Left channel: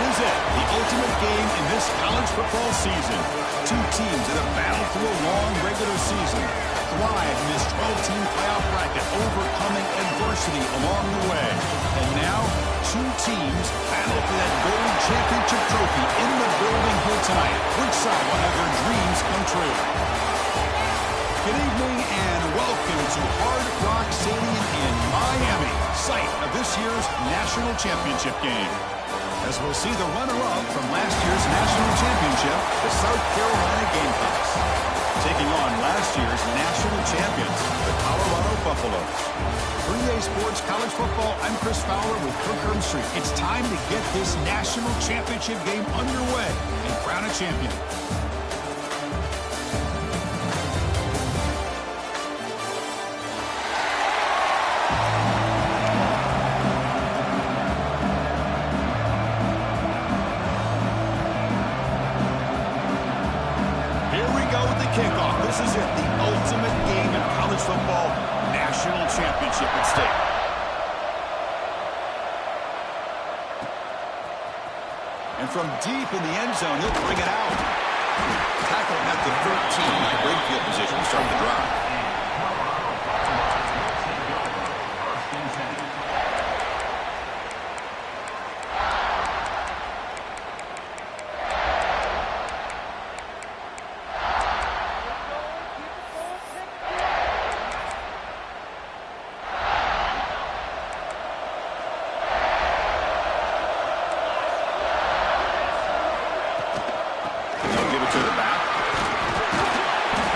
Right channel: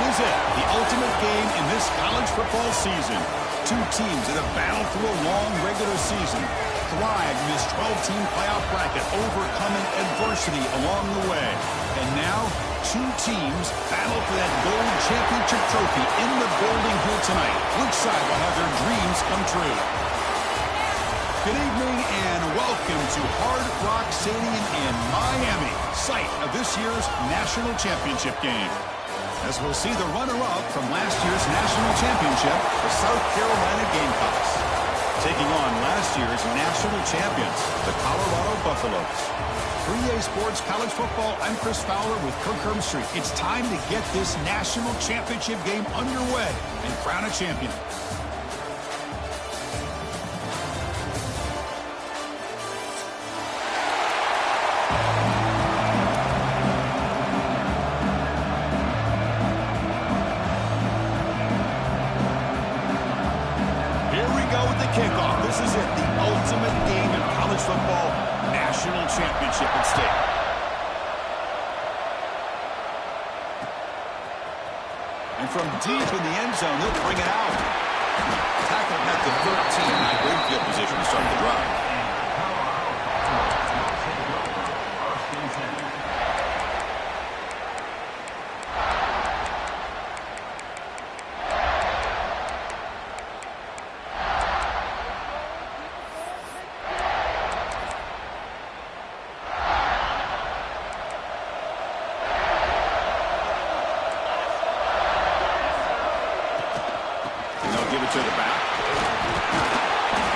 This is it, the ultimate game in this college football season. Two teams that have battled through a long regular season, thrived in this 12-team playoff bracket, overcoming adversity along the way. And now, two teams battle for that gold championship trophy in the building here tonight. Which side will have their dreams come true? Good evening and welcome to Hard Rock Stadium in Miami, site of this year's national championship game. As we'll see the runner-up from last year's national championship, the South Carolina Gamecocks, taking on last year's national champions, the Colorado Buffaloes. For EA Sports College Football, I'm Chris Fowler with Kirk Herbstreit. It's time to get this national championship game underway and crown a champion. Kickoff. This is it, the ultimate game in college football, national championship at stake. And from deep in the end zone, he'll bring it out. Tackle at the 13, great field position to start the drive. Give it to the back.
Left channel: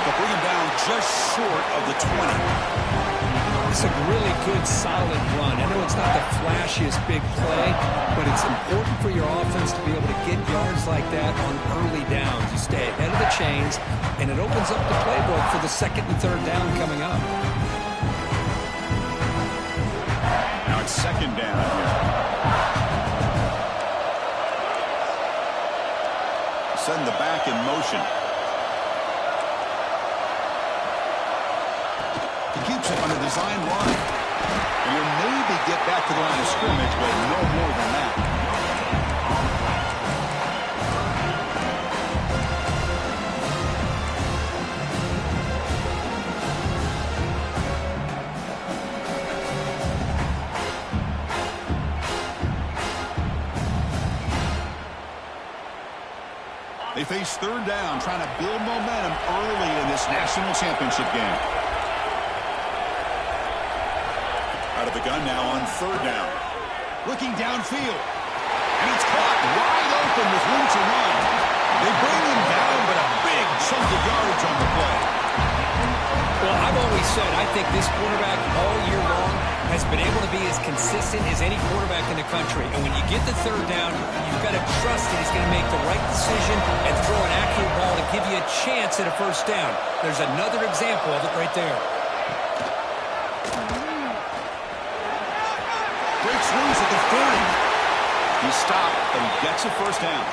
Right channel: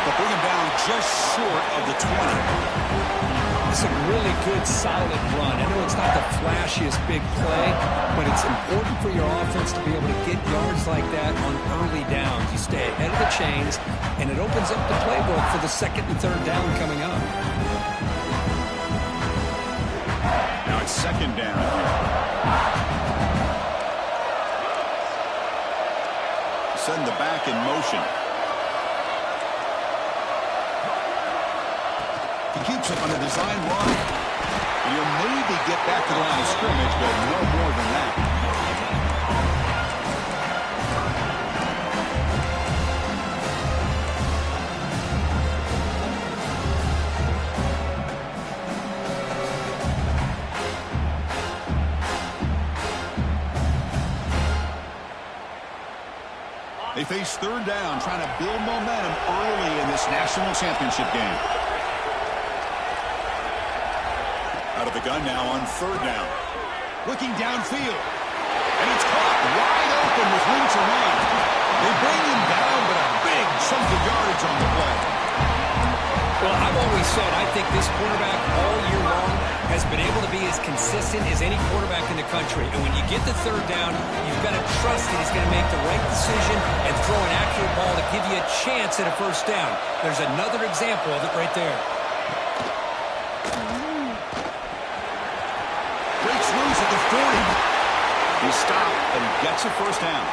They'll bring him down just short of the 20. It's a really good, solid run. I know it's not the flashiest big play, but it's important for your offense to be able to get yards like that on early downs. You stay ahead of the chains, and it opens up the playbook for the second and third down coming up. Now it's second down here. Send the back in motion. He keeps it on the design line. And he'll maybe get back to the line of scrimmage, but no more than that. They face third down, trying to build momentum early in this national championship game. Out of the gun now on third down. Looking downfield. And it's caught wide open with room to run. They bring him down, but a big chunk of yardage on the play. Well, I've always said I think this quarterback all year long has been able to be as consistent as any quarterback in the country. And when you get the third down, you've got to trust that he's going to make the right decision and throw an accurate ball to give you a chance at a first down. There's another example of it right there. Breaks loose at the 40. He's stopped, but he gets a first down.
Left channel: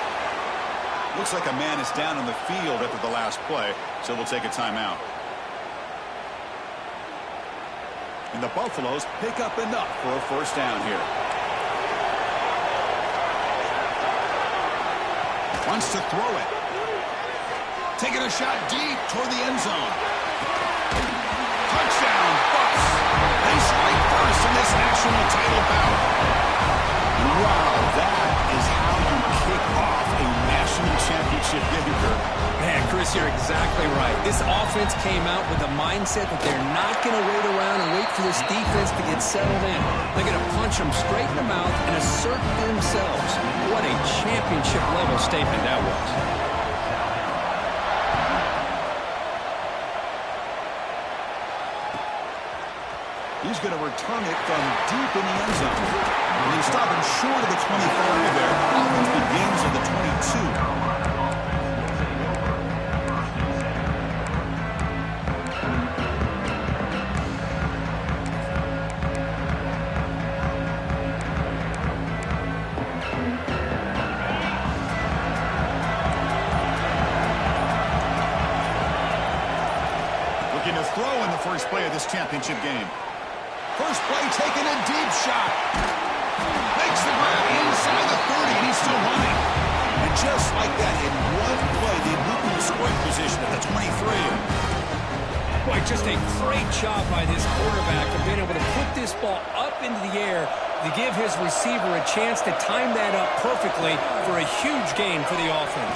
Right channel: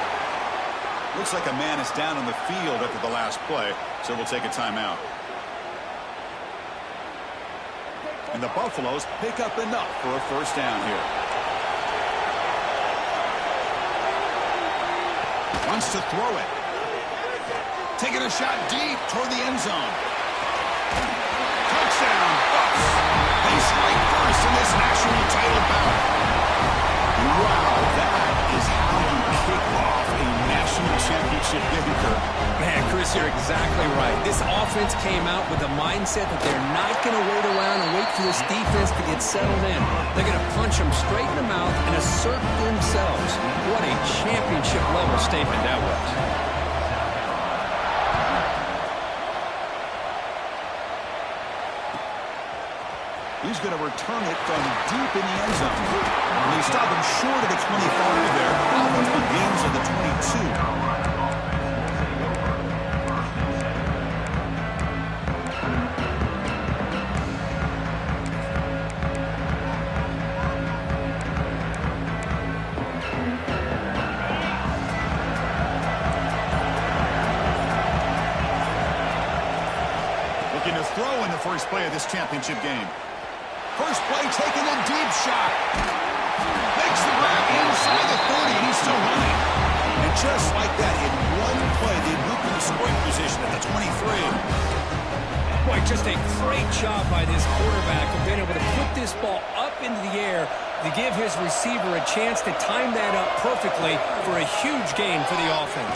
Looks like a man is down on the field after the last play, so we'll take a timeout. And the Buffaloes pick up enough for a first down here. Wants to throw it. Taking a shot deep toward the end zone. Touchdown, Buffs. They strike first in this national title bout. Wow, that is how you kick off a national championship game, Kirk. Man, Chris, you're exactly right. This offense came out with the mindset that they're not going to wait around and wait for this defense to get settled in. They're going to punch them straight in the mouth and assert themselves. What a championship-level statement that was. He's going to return it from deep in the end zone. And he's stopping short of the 25 there. Offense begins at the 22. Looking to throw in the first play of this championship game. First play, taking a deep shot. Makes the grab inside the 30, and he's still running. And just like that, in one play, they moved into scoring position at the 23. Boy, just a great job by this quarterback of being able to put this ball up into the air to give his receiver a chance to time that up perfectly for a huge gain for the offense.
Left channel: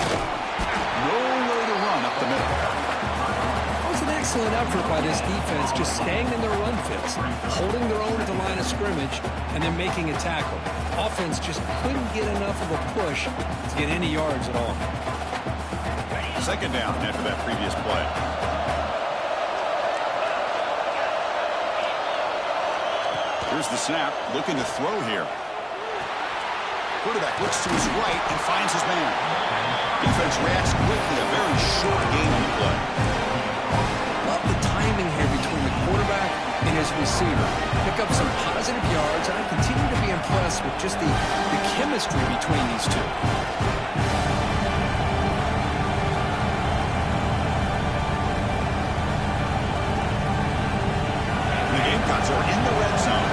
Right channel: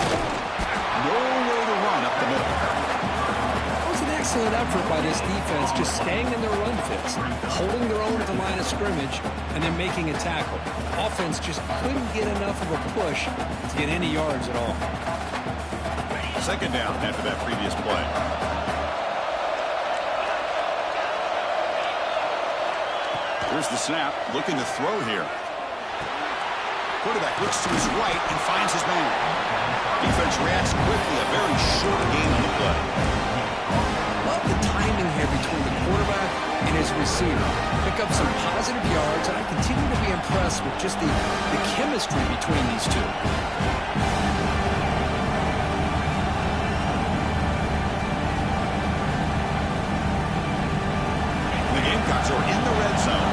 Nowhere to run up the middle. That was an excellent effort by this defense, just staying in their run fits, holding their own at the line of scrimmage, and then making a tackle. Offense just couldn't get enough of a push to get any yards at all. Second down after that previous play. Here's the snap, looking to throw here. Quarterback looks to his right and finds his man. Defense reacts quickly, a very short gain on the play. Love the timing here between the quarterback and his receiver. Pick up some positive yards, and I continue to be impressed with just the chemistry between these two. The Gamecocks are in the red zone.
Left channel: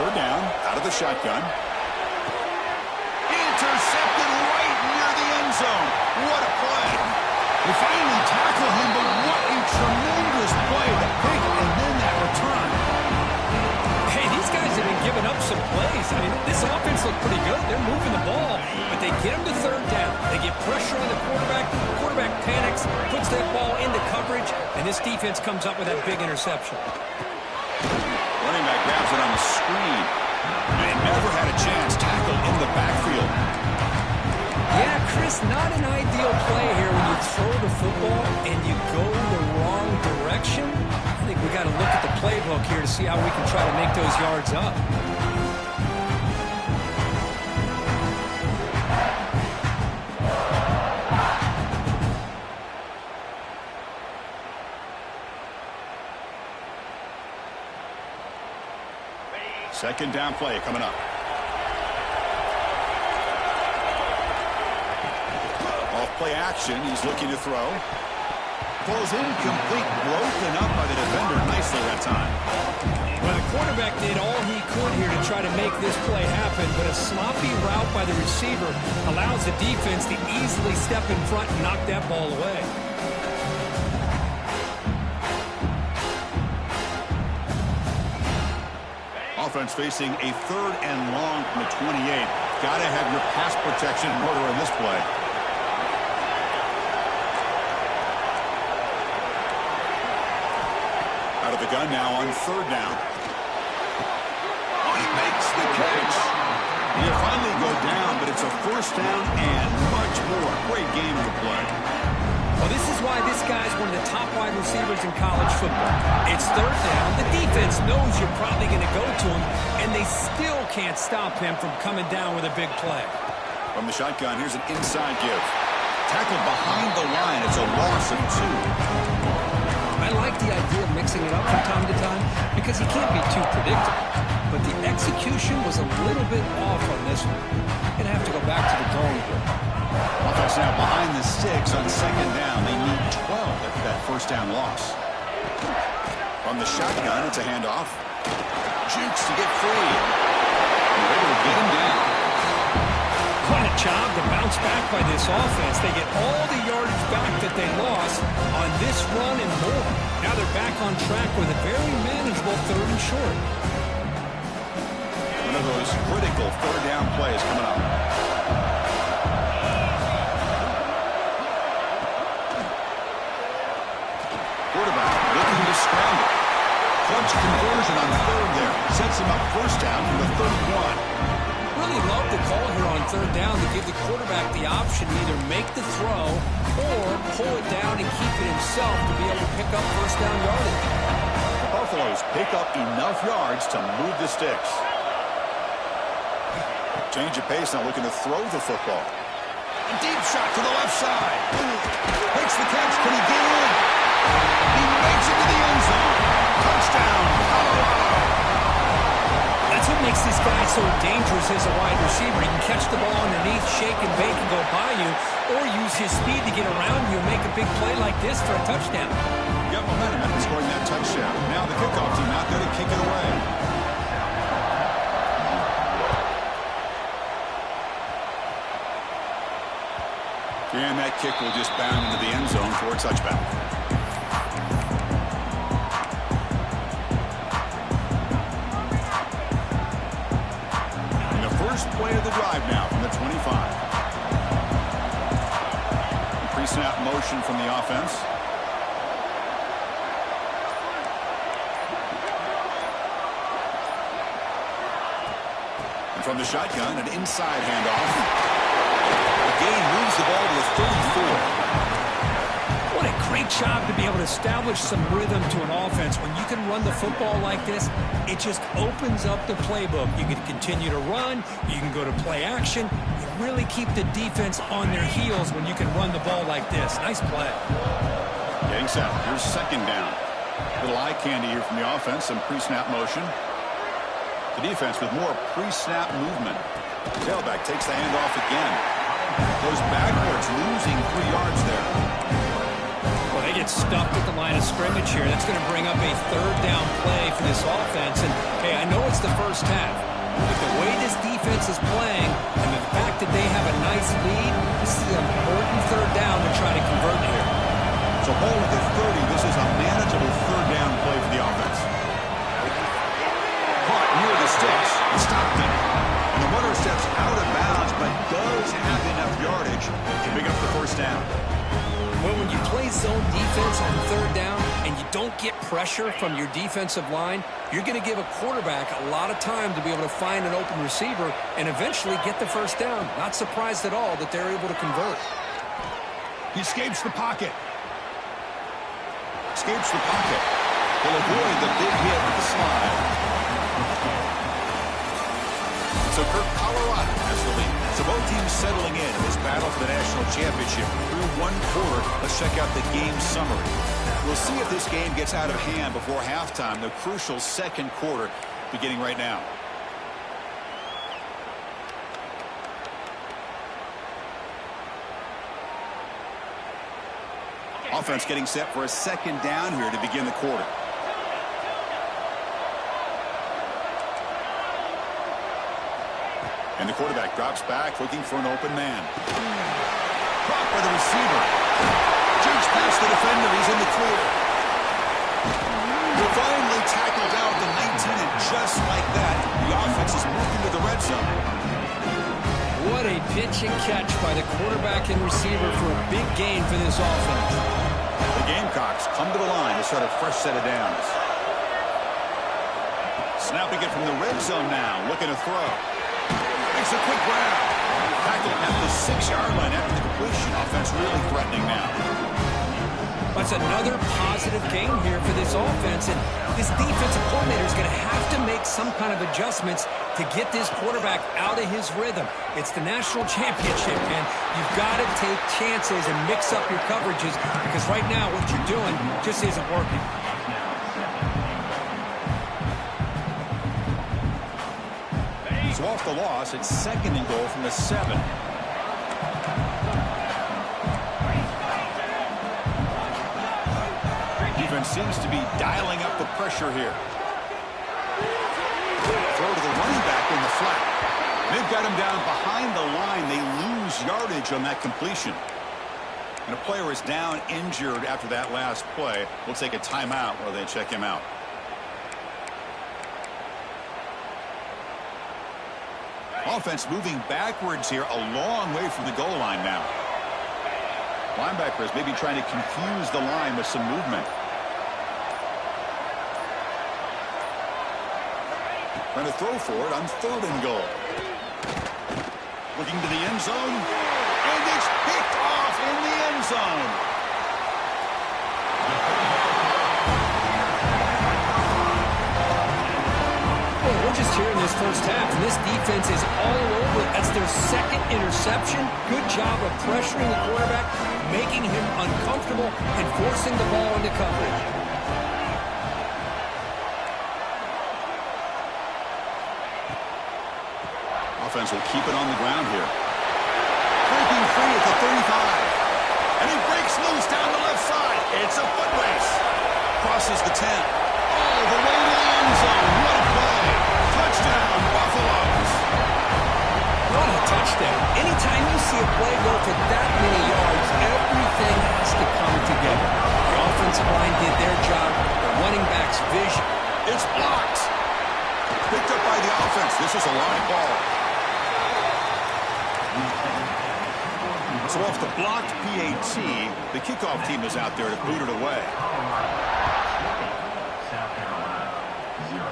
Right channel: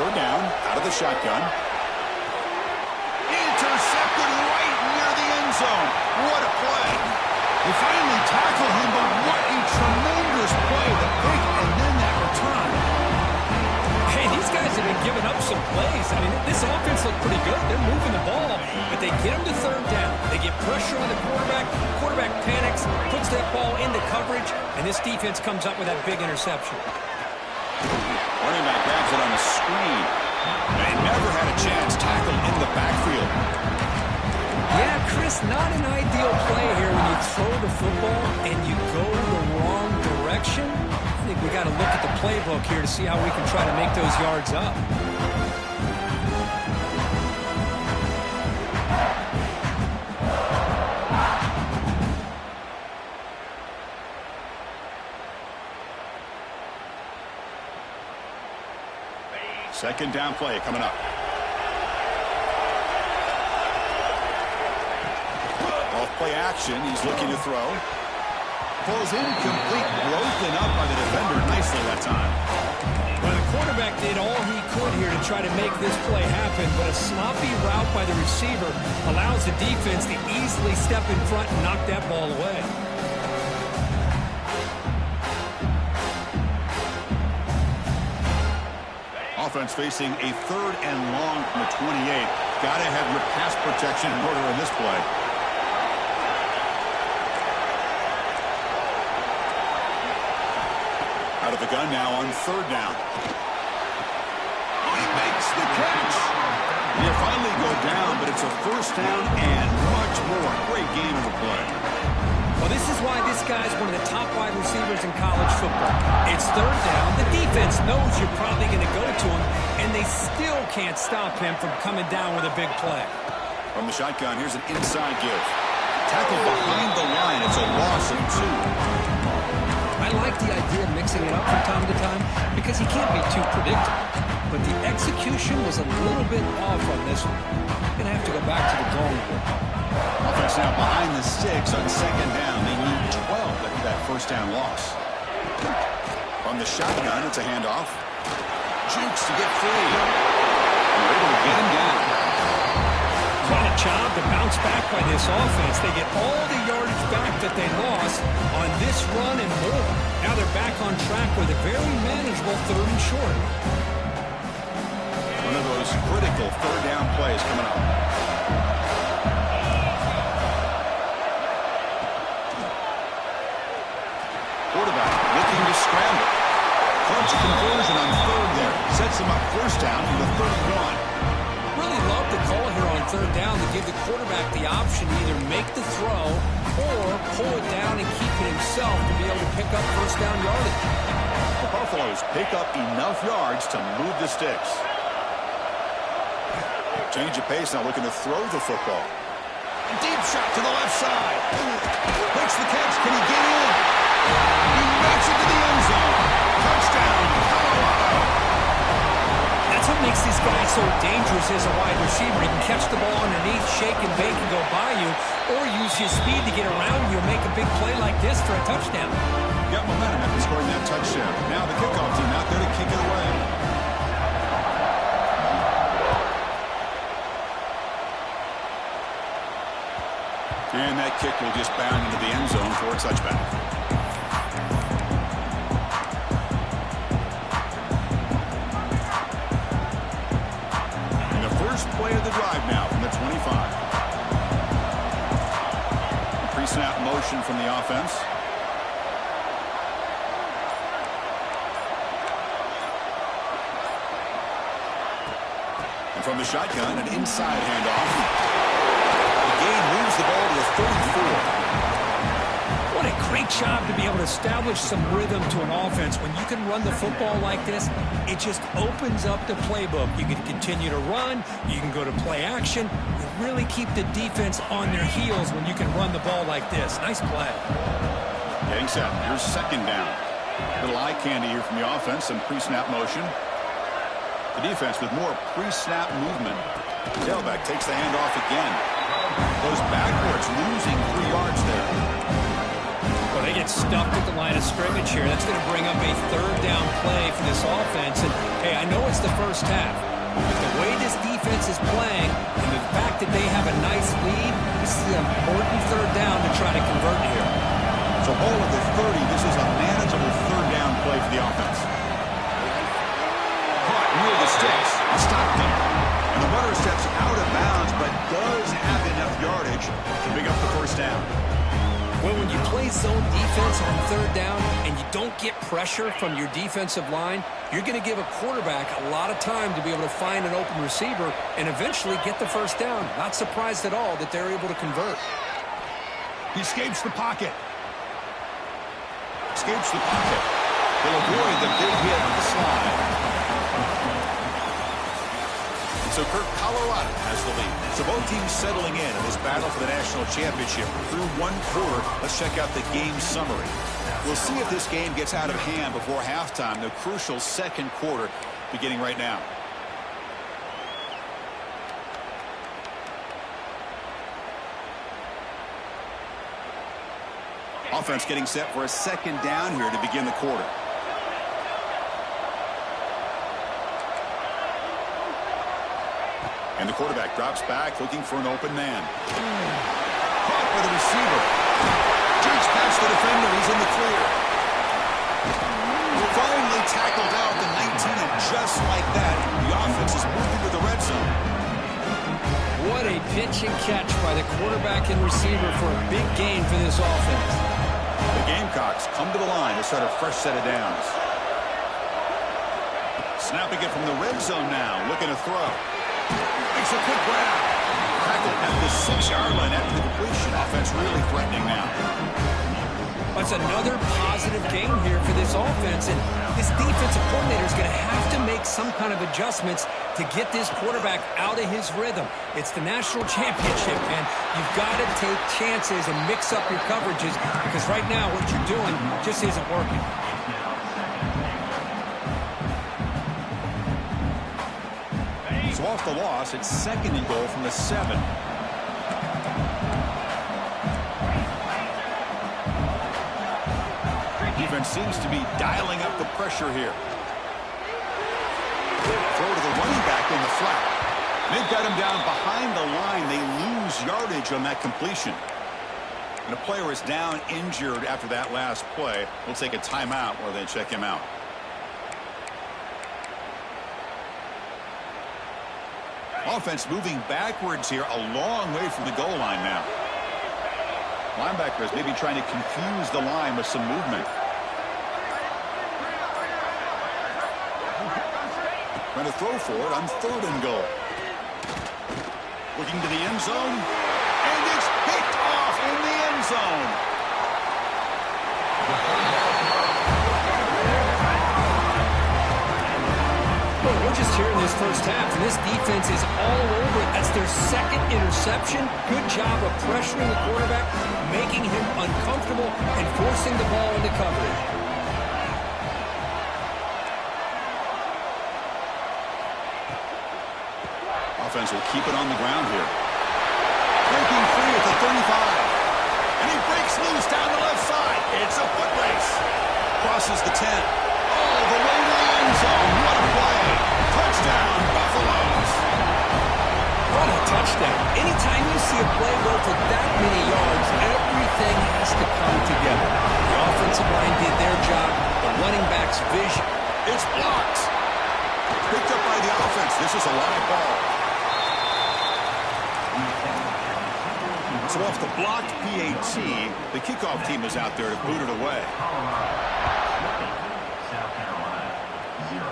Third down, out of the shotgun. Intercepted right near the end zone. What a play. They finally tackle him, but what a tremendous play. The pick and then that return. Hey, these guys have been giving up some plays. I mean, this offense looked pretty good. They're moving the ball, but they get him to third down. They get pressure on the quarterback. Quarterback panics, puts that ball into coverage, and this defense comes up with that big interception. Running back grabs it on the screen. They never had a chance. Tackled in the backfield. Yeah, Chris, not an ideal play here when you throw the football and you go the wrong direction. I think we got to look at the playbook here to see how we can try to make those yards up. Second down play coming up. Off play action. He's looking to throw. Throws incomplete. Broken up by the defender nicely that time. Well, the quarterback did all he could here to try to make this play happen, but a sloppy route by the receiver allows the defense to easily step in front and knock that ball away. Offense facing a third and long from the 28. Got to have your pass protection in order in this play. Out of the gun now on third down. Oh, he makes the catch. He'll finally go down, but it's a first down and much more. Great game of the play. Well, this is why this guy's one of the top wide receivers in college football. It's third down. The defense knows you're probably going to go to him, and they still can't stop him from coming down with a big play. From the shotgun, here's an inside give. Tackled behind the line. It's a loss of 2. I like the idea of mixing it up from time to time because he can't be too predictable. But the execution was a little bit off on this one. Going to have to go back to the drawing board. Offense now behind the 6 on second down. They need 12 after that first down loss. From the shotgun, it's a handoff. Jukes to get free. They're able to get him down. What a job to bounce back by this offense. They get all the yardage back that they lost on this run and more. Now they're back on track with a very manageable third and short. One of those critical third down plays coming up. Quarterback looking to scramble. Clutch conversion on third there. Sets him up first down from the 31. Really love the call here on third down to give the quarterback the option to either make the throw or pull it down and keep it himself to be able to pick up first down yardage. The Buffaloes pick up enough yards to move the sticks. Change of pace now, looking to throw the football. A deep shot to the left side. Makes the catch. Can he get in? He makes it to the end zone. Touchdown, Colorado. That's what makes this guy so dangerous as a wide receiver. He can catch the ball underneath, shake and bake and go by you, or use his speed to get around you and make a big play like this for a touchdown. Got momentum after scoring that touchdown. Now the kickoff team out there to kick it away. And that kick will just bound into the end zone for a touchback. And the first play of the drive now from the 25. The pre-snap motion from the offense. And from the shotgun, an inside handoff. Gain moves the ball to the 34. What a great job to be able to establish some rhythm to an offense. When you can run the football like this, it just opens up the playbook. You can continue to run. You can go to play action. You really keep the defense on their heels when you can run the ball like this. Nice play. Getting set. Here's second down. Little eye candy here from the offense and pre-snap motion. The defense with more pre-snap movement. Tailback takes the handoff again. Goes backwards, losing 3 yards there. Well, they get stuffed at the line of scrimmage here. That's going to bring up a third down play for this offense. And, hey, I know it's the first half, but the way this defense is playing and the fact that they have a nice lead, this is an important third down to try to convert here. So ball at the 30. This is a manageable third down play for the offense. Caught near the sticks and Stockton. And the runner steps out of bounds, but does have enough yardage to pick up the first down. Well, when you play zone defense on third down and you don't get pressure from your defensive line, you're going to give a quarterback a lot of time to be able to find an open receiver and eventually get the first down. Not surprised at all that they're able to convert. He escapes the pocket. Escapes the pocket. He'll avoid the big hit with the slide. So Kirk, Colorado has the lead. So both teams settling in this battle for the national championship. Through one quarter, let's check out the game summary. We'll see if this game gets out of hand before halftime, the crucial second quarter beginning right now. Offense getting set for a second down here to begin the quarter. And the quarterback drops back, looking for an open man. Caught by the receiver. Jukes past the defender. He's in the clear. We're finally tackled out the 19, and just like that, the offense is moving to the red zone. What a pitch and catch by the quarterback and receiver for a big gain for this offense. The Gamecocks come to the line to start a fresh set of downs. Snapping it from the red zone now, looking to throw. Makes a quick grab. Tackled at the 6-yard line after the completion. Offense really threatening now. That's another positive gain here for this offense, and this defensive coordinator is going to have to make some kind of adjustments to get this quarterback out of his rhythm. It's the national championship, and you've got to take chances and mix up your coverages, because right now what you're doing just isn't working. So off the loss, it's second and goal from the 7. Defense seems to be dialing up the pressure here. Throw to the running back in the flat. They've got him down behind the line. They lose yardage on that completion. And a player is down injured after that last play. We'll take a timeout while they check him out. Offense moving backwards here, a long way from the goal line now. Linebackers maybe trying to confuse the line with some movement. Trying to throw for it on third and goal. Looking to the end zone. And it's picked off in the end zone. Well, we're just here in this first half, and this defense is all over it. That's their second interception. Good job of pressuring the quarterback, making him uncomfortable, and forcing the ball into coverage. offense will keep it on the ground here. Breaking free at the 35. And he breaks loose down the left side. It's a foot race. Crosses the 10. All the way to the end zone. What a play. Touchdown, Buffaloes. What a touchdown. Anytime you see a play go for that many yards, everything has to come together. The offensive line did their job. The running back's vision. It's blocked. Picked up by the offense. This is a live ball. So off the blocked PAT, the kickoff team is out there to boot it away. South Carolina, 0.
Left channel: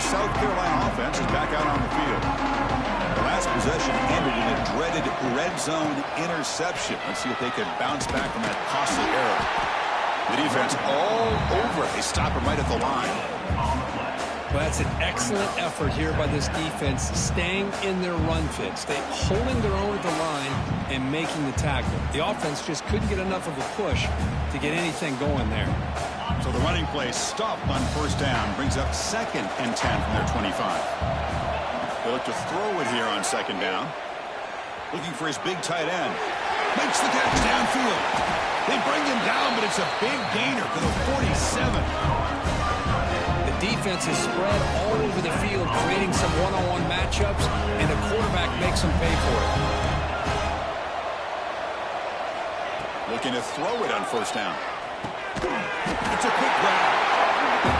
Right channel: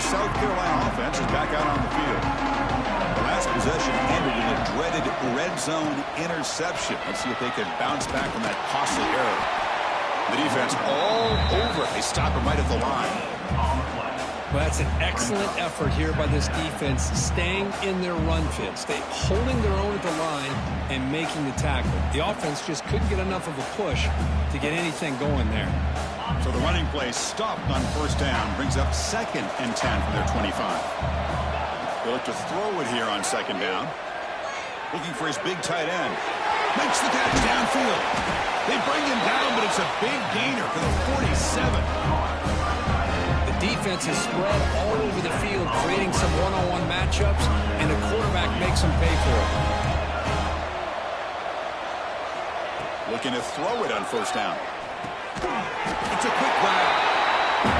South Carolina offense is back out on the field. The last possession ended in a dreaded red zone interception. Let's see if they can bounce back from that costly error. The defense all over it. They stop him right at the line. Well, that's an excellent effort here by this defense, staying in their run fits. They holding their own at the line and making the tackle. The offense just couldn't get enough of a push to get anything going there. So the running play stopped on first down, brings up 2nd and 10 from their 25. They look to throw it here on 2nd down. Looking for his big tight end. Makes the catch downfield. They bring him down, but it's a big gainer for the 47. The defense is spread all over the field, creating some one-on-one matchups, and the quarterback makes them pay for it. Looking to throw it on first down. It's a quick grab.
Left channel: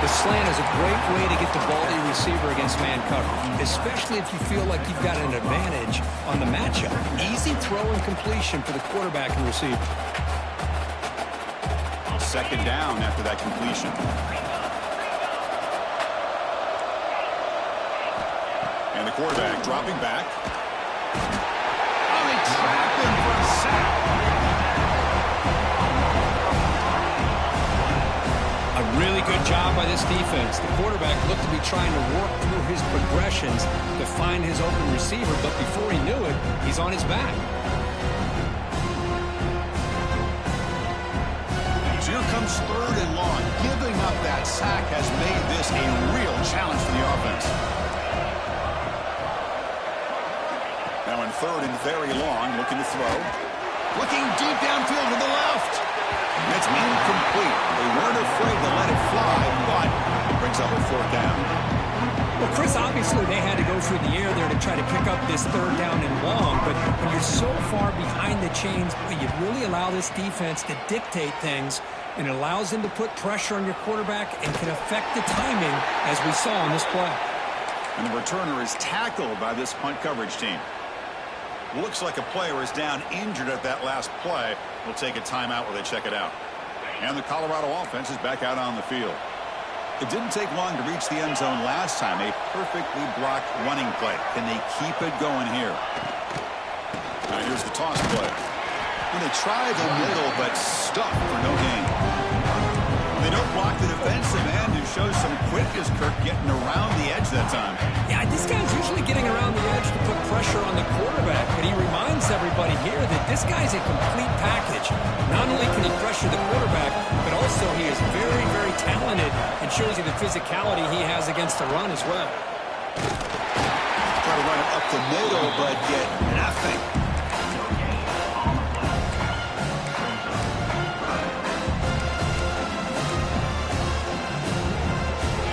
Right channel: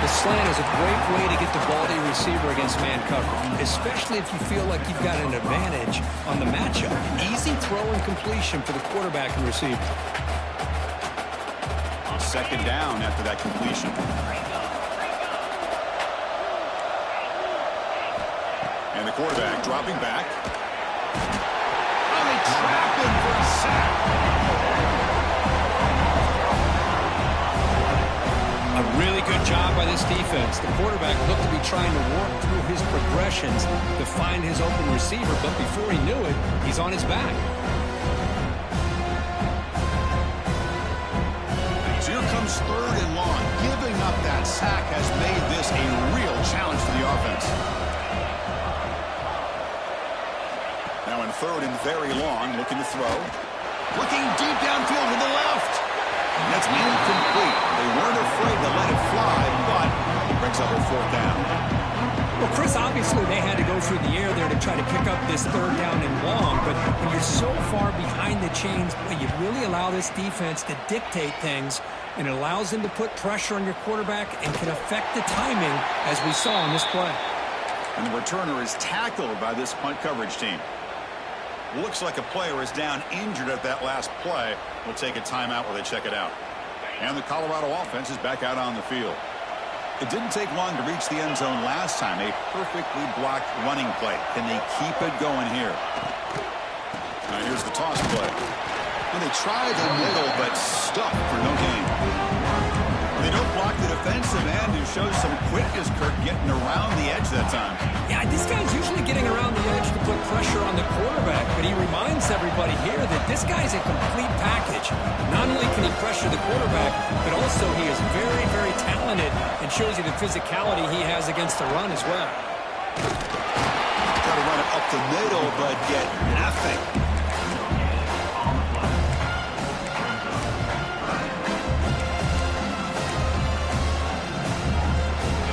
The slant is a great way to get the ball to your receiver against man coverage, especially if you feel like you've got an advantage on the matchup. Easy throw and completion for the quarterback and receiver. 2nd down after that completion. And the quarterback dropping back. Oh, they trap him for a sack. A really good job by this defense. The quarterback looked to be trying to work through his progressions to find his open receiver, but before he knew it, he's on his back. So here comes 3rd and long. Giving up that sack has made this a real challenge for the offense. Now in 3rd and very long, looking to throw. Looking deep downfield to the left. That's incomplete. They weren't afraid to let it fly, but it brings up a 4th down. Well, Chris, obviously they had to go through the air there to try to pick up this 3rd down and long, but when you're so far behind the chains, you really allow this defense to dictate things, and it allows them to put pressure on your quarterback and can affect the timing, as we saw on this play. And the returner is tackled by this punt coverage team. Looks like a player is down injured at that last play. We'll take a timeout while they check it out. And the Colorado offense is back out on the field. It didn't take long to reach the end zone last time. A perfectly blocked running play. Can they keep it going here? Now here's the toss play. And they try the middle, but stuck for no gain. They don't block the defensive end, who shows some quickness, Kirk, getting around the edge that time. Yeah, this guy's usually getting around the edge to put pressure on the quarterback, but he reminds everybody here that this guy's a complete package. Not only can he pressure the quarterback, but also he is very, very talented and shows you the physicality he has against the run as well. Try to run it up the middle, but get nothing.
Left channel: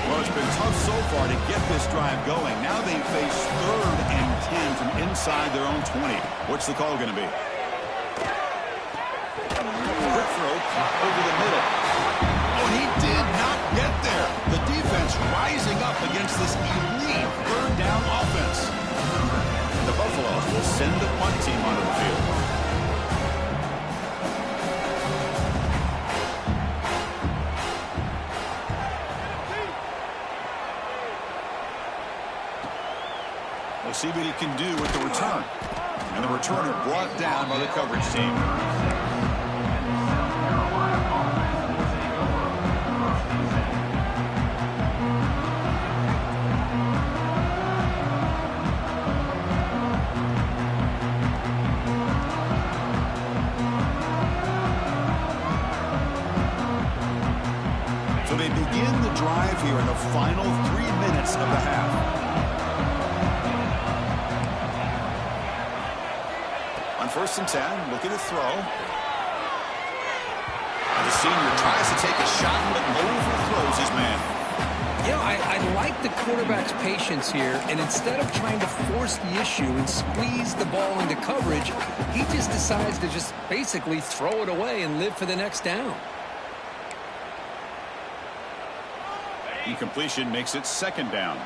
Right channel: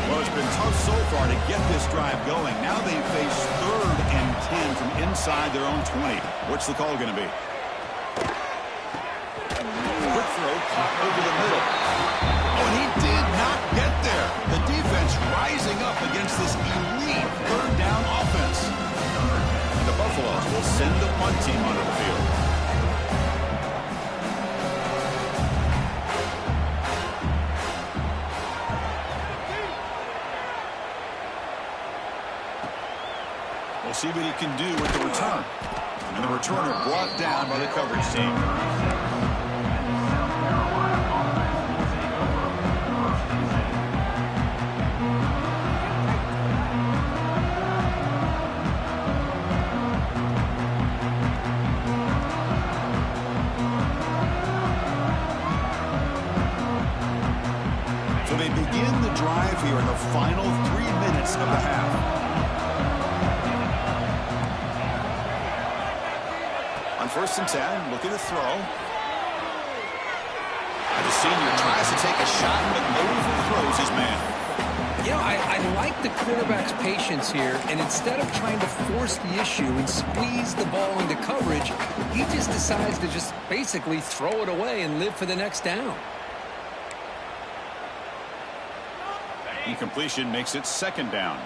Well, it's been tough so far to get this drive going. Now they face 3rd and 10 from inside their own 20. What's the call going to be? Quick throw caught over the middle. Oh, and he did not get there. The defense rising up against this elite 3rd down offense. And the Buffaloes will send the punt team onto the field. We'll see what he can do with the return. And the returner brought down by the coverage team. the drive here in the final 3 minutes of the half. On 1st and 10, looking to throw. And the senior tries to take a shot, but overthrows his man. You know, I like the quarterback's patience here, and instead of trying to force the issue and squeeze the ball into coverage, he just decides to just basically throw it away and live for the next down. Incompletion makes it 2nd down.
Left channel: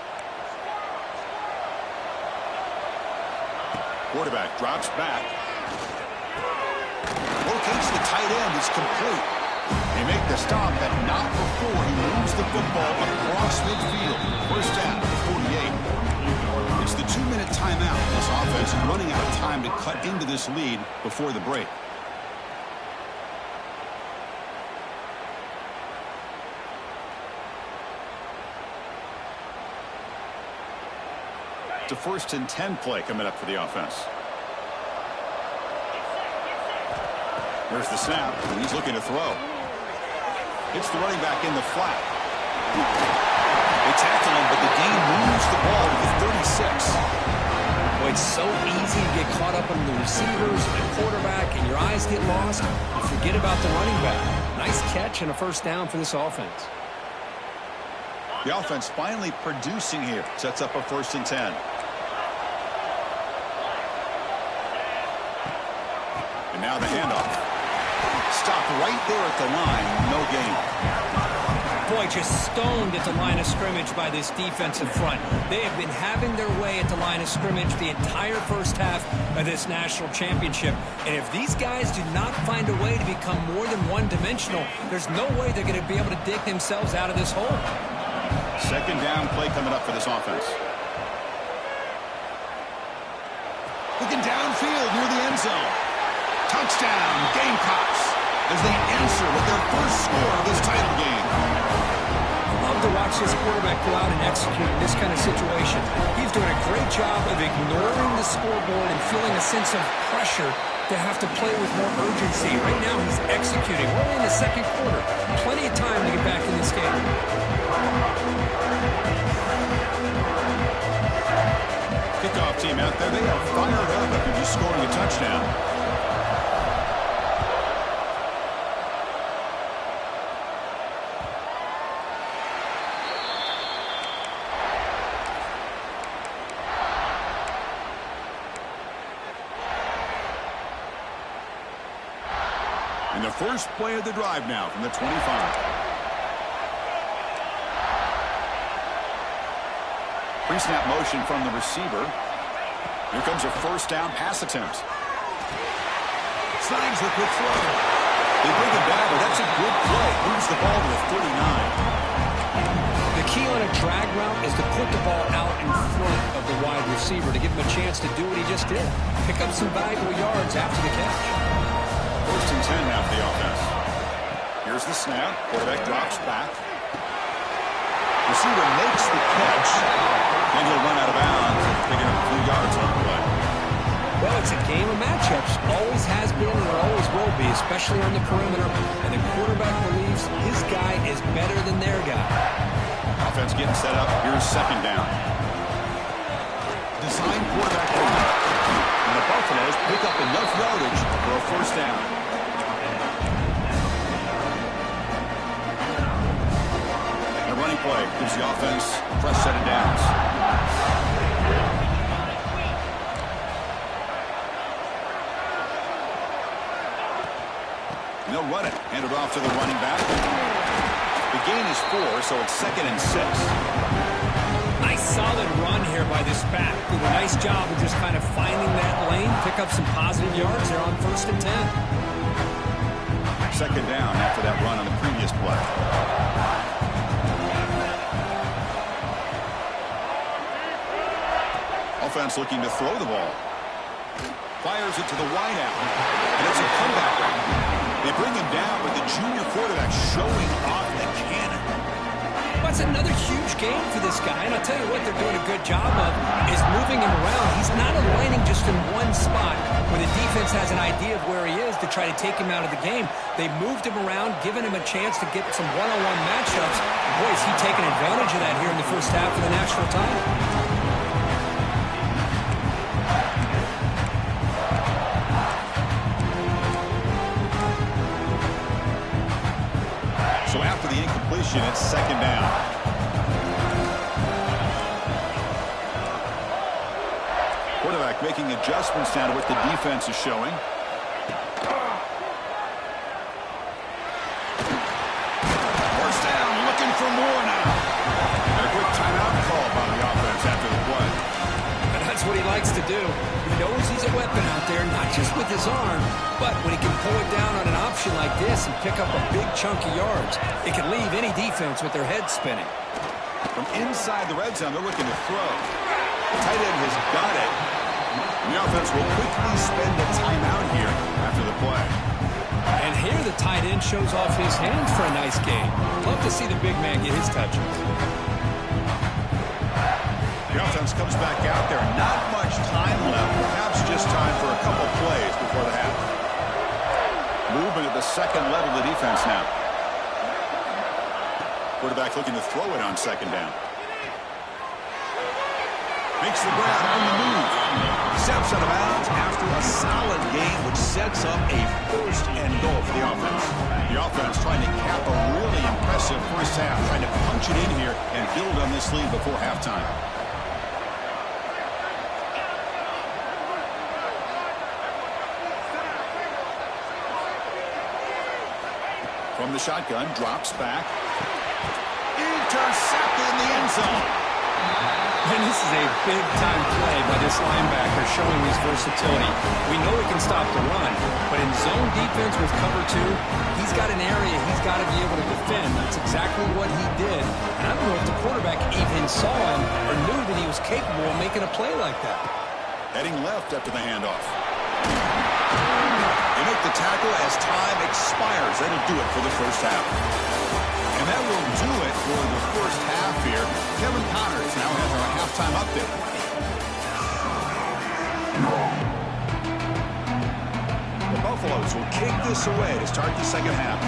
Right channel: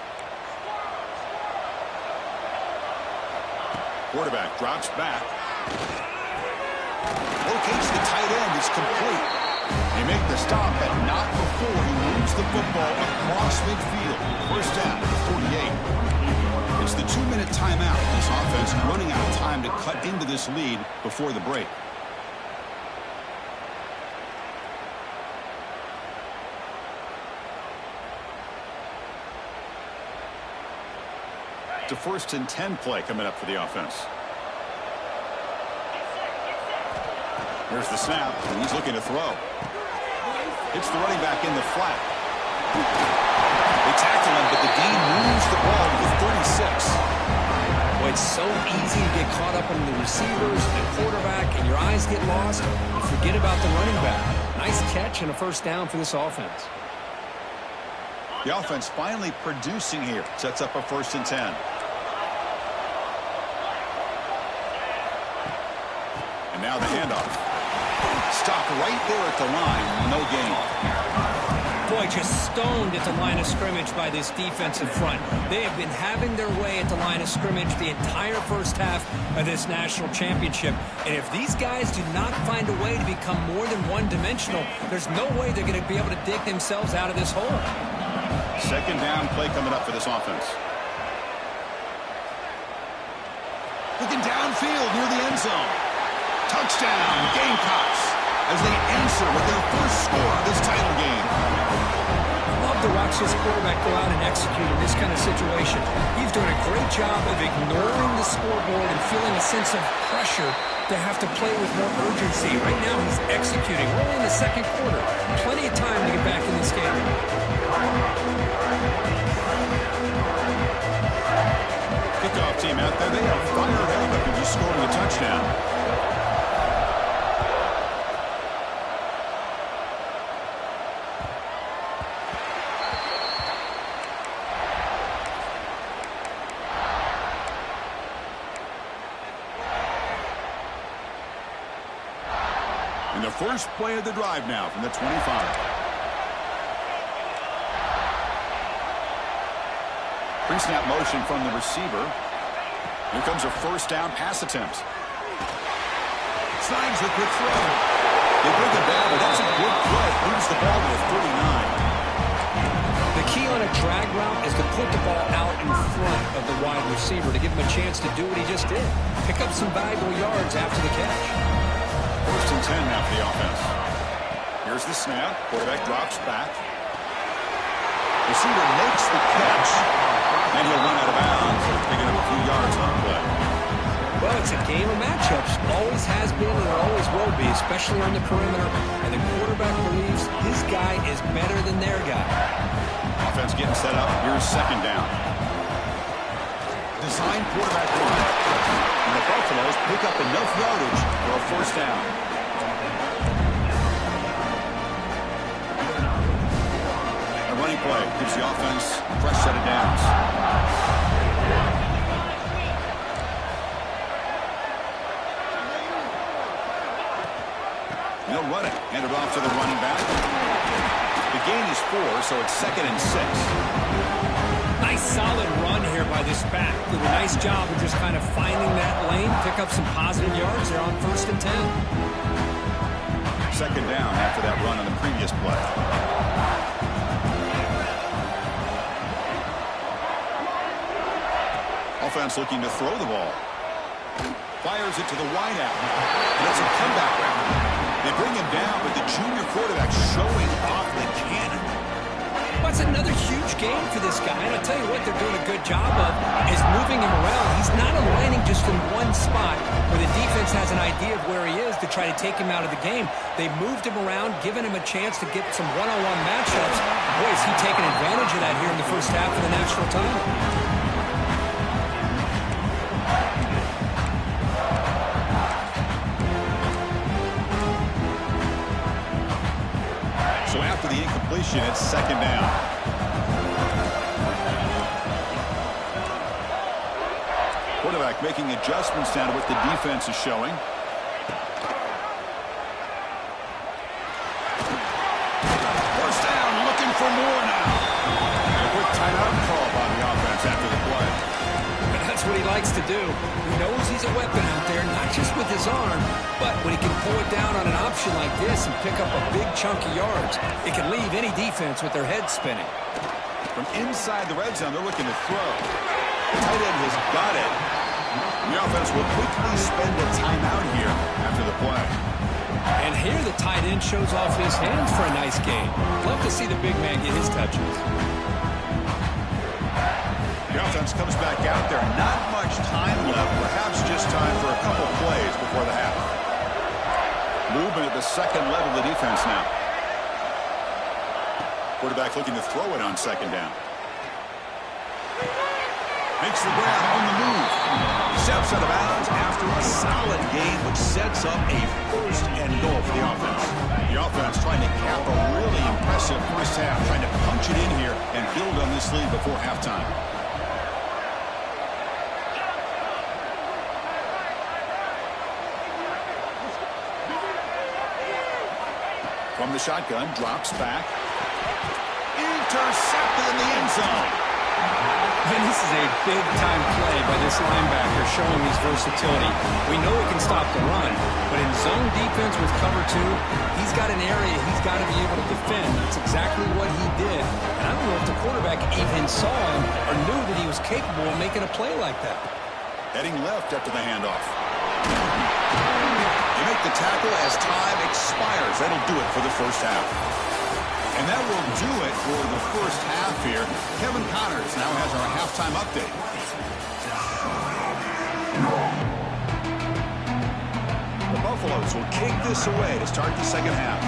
Quarterback drops back. Locates the tight end. It's complete. They make the stop, but not before he moves the football across midfield. 1st down at the 48. It's the 2-minute timeout. This offense running out of time to cut into this lead before the break. It's a 1st and 10 play coming up for the offense. Here's the snap, and he's looking to throw. Hits the running back in the flat. They tackle him, but the gain moves the ball to the 36. Boy, it's so easy to get caught up on the receivers and the quarterback, and your eyes get lost. You forget about the running back. Nice catch and a 1st down for this offense. The offense finally producing here. Sets up a 1st and 10. And now the handoff. Stop right there at the line. No gain. Boy, just stoned at the line of scrimmage by this defensive front. They have been having their way at the line of scrimmage the entire 1st half of this national championship. And if these guys do not find a way to become more than one-dimensional, there's no way they're going to be able to dig themselves out of this hole. 2nd down play coming up for this offense. Looking downfield near the end zone. Touchdown, Gamecocks, as they answer with their 1st score of this title game. Love to watch this quarterback go out and execute in this kind of situation. He's doing a great job of ignoring the scoreboard and feeling a sense of pressure to have to play with more urgency. Right now, he's executing. We're only in the 2nd quarter. Plenty of time to get back in this game. Kickoff team out there, they are fired up after just scoring a touchdown. And the 1st play of the drive now from the 25. Pre-snap motion from the receiver. Here comes a 1st down pass attempt. Signs the quick throw. They bring him down, but that's a good play. Moves the ball to the 39. The key on a drag route is to put the ball out in front of the wide receiver to give him a chance to do what he just did. Pick up some valuable yards after the catch. 1st and 10 now for the offense. Here's the snap. Quarterback drops back. Receiver makes the catch, and he'll run out of bounds, picking up a few yards on the play. Well, it's a game of matchups. Always has been and it always will be, especially on the perimeter. And the quarterback believes his guy is better than their guy. Offense getting set up. Here's 2nd down. Design quarterback run. And the Buffaloes pick up enough yardage for a 1st down. A running play gives the offense a fresh set of downs. And they'll run it. Hand it off to the running back. The gain is 4, so it's 2nd and 6. Nice solid run here by this back. Did a nice job of just kind of finding that lane, pick up some positive yards there on 1st and 10. 2nd down after that run on the previous play. Offense looking to throw the ball. Fires it to the wideout. And it's a comeback route. They bring him down, but the junior quarterback showing off the cannon. Well, it's another huge game for this guy, and I'll tell you what they're doing a good job of is moving him around. He's not aligning just in one spot where the defense has an idea of where he is to try to take him out of the game. They moved him around, giving him a chance to get some one-on-one matchups. Boy, is he taking advantage of that here in the first half of the national title. So after the incompletion, it's second down. Quarterback making adjustments now to what the defense is showing. First down, looking for more now. And a quick timeout call by the offense after the play. But that's what he likes to do. He knows he's a weapon out there, not just with his arm, but when he can pull it down on an option like this and pick up a big chunk of yards, it can leave any defense with their head spinning. From inside the red zone, they're looking to throw. The tight end has got it. The offense will quickly spend a timeout here after the play. And here the tight end shows off his hands for a nice gain. Love to see the big man get his touches. The offense comes back out there. Not much time left. Perhaps just time for a couple plays before the half. Movement at the second level of the defense now. Quarterback looking to throw it on second down. Makes the grab on the move. Steps out of bounds after a solid gain, which sets up a first and goal for the offense. The offense trying to cap a really impressive first half, trying to punch it in here and build on this lead before halftime. From the shotgun, drops back. Intercepted in the end zone. And this is a big-time play by this linebacker showing his versatility. We know he can stop the run, but in zone defense with cover two, he's got an area he's got to be able to defend. That's exactly what he did. And I don't know if the quarterback even saw him or knew that he was capable of making a play like that. Heading left after the handoff. They make the tackle as time expires. That'll do it for the first half. And that will do it for the first half here. Kevin Connors now has our halftime update. The Buffaloes will kick this away to start the second half.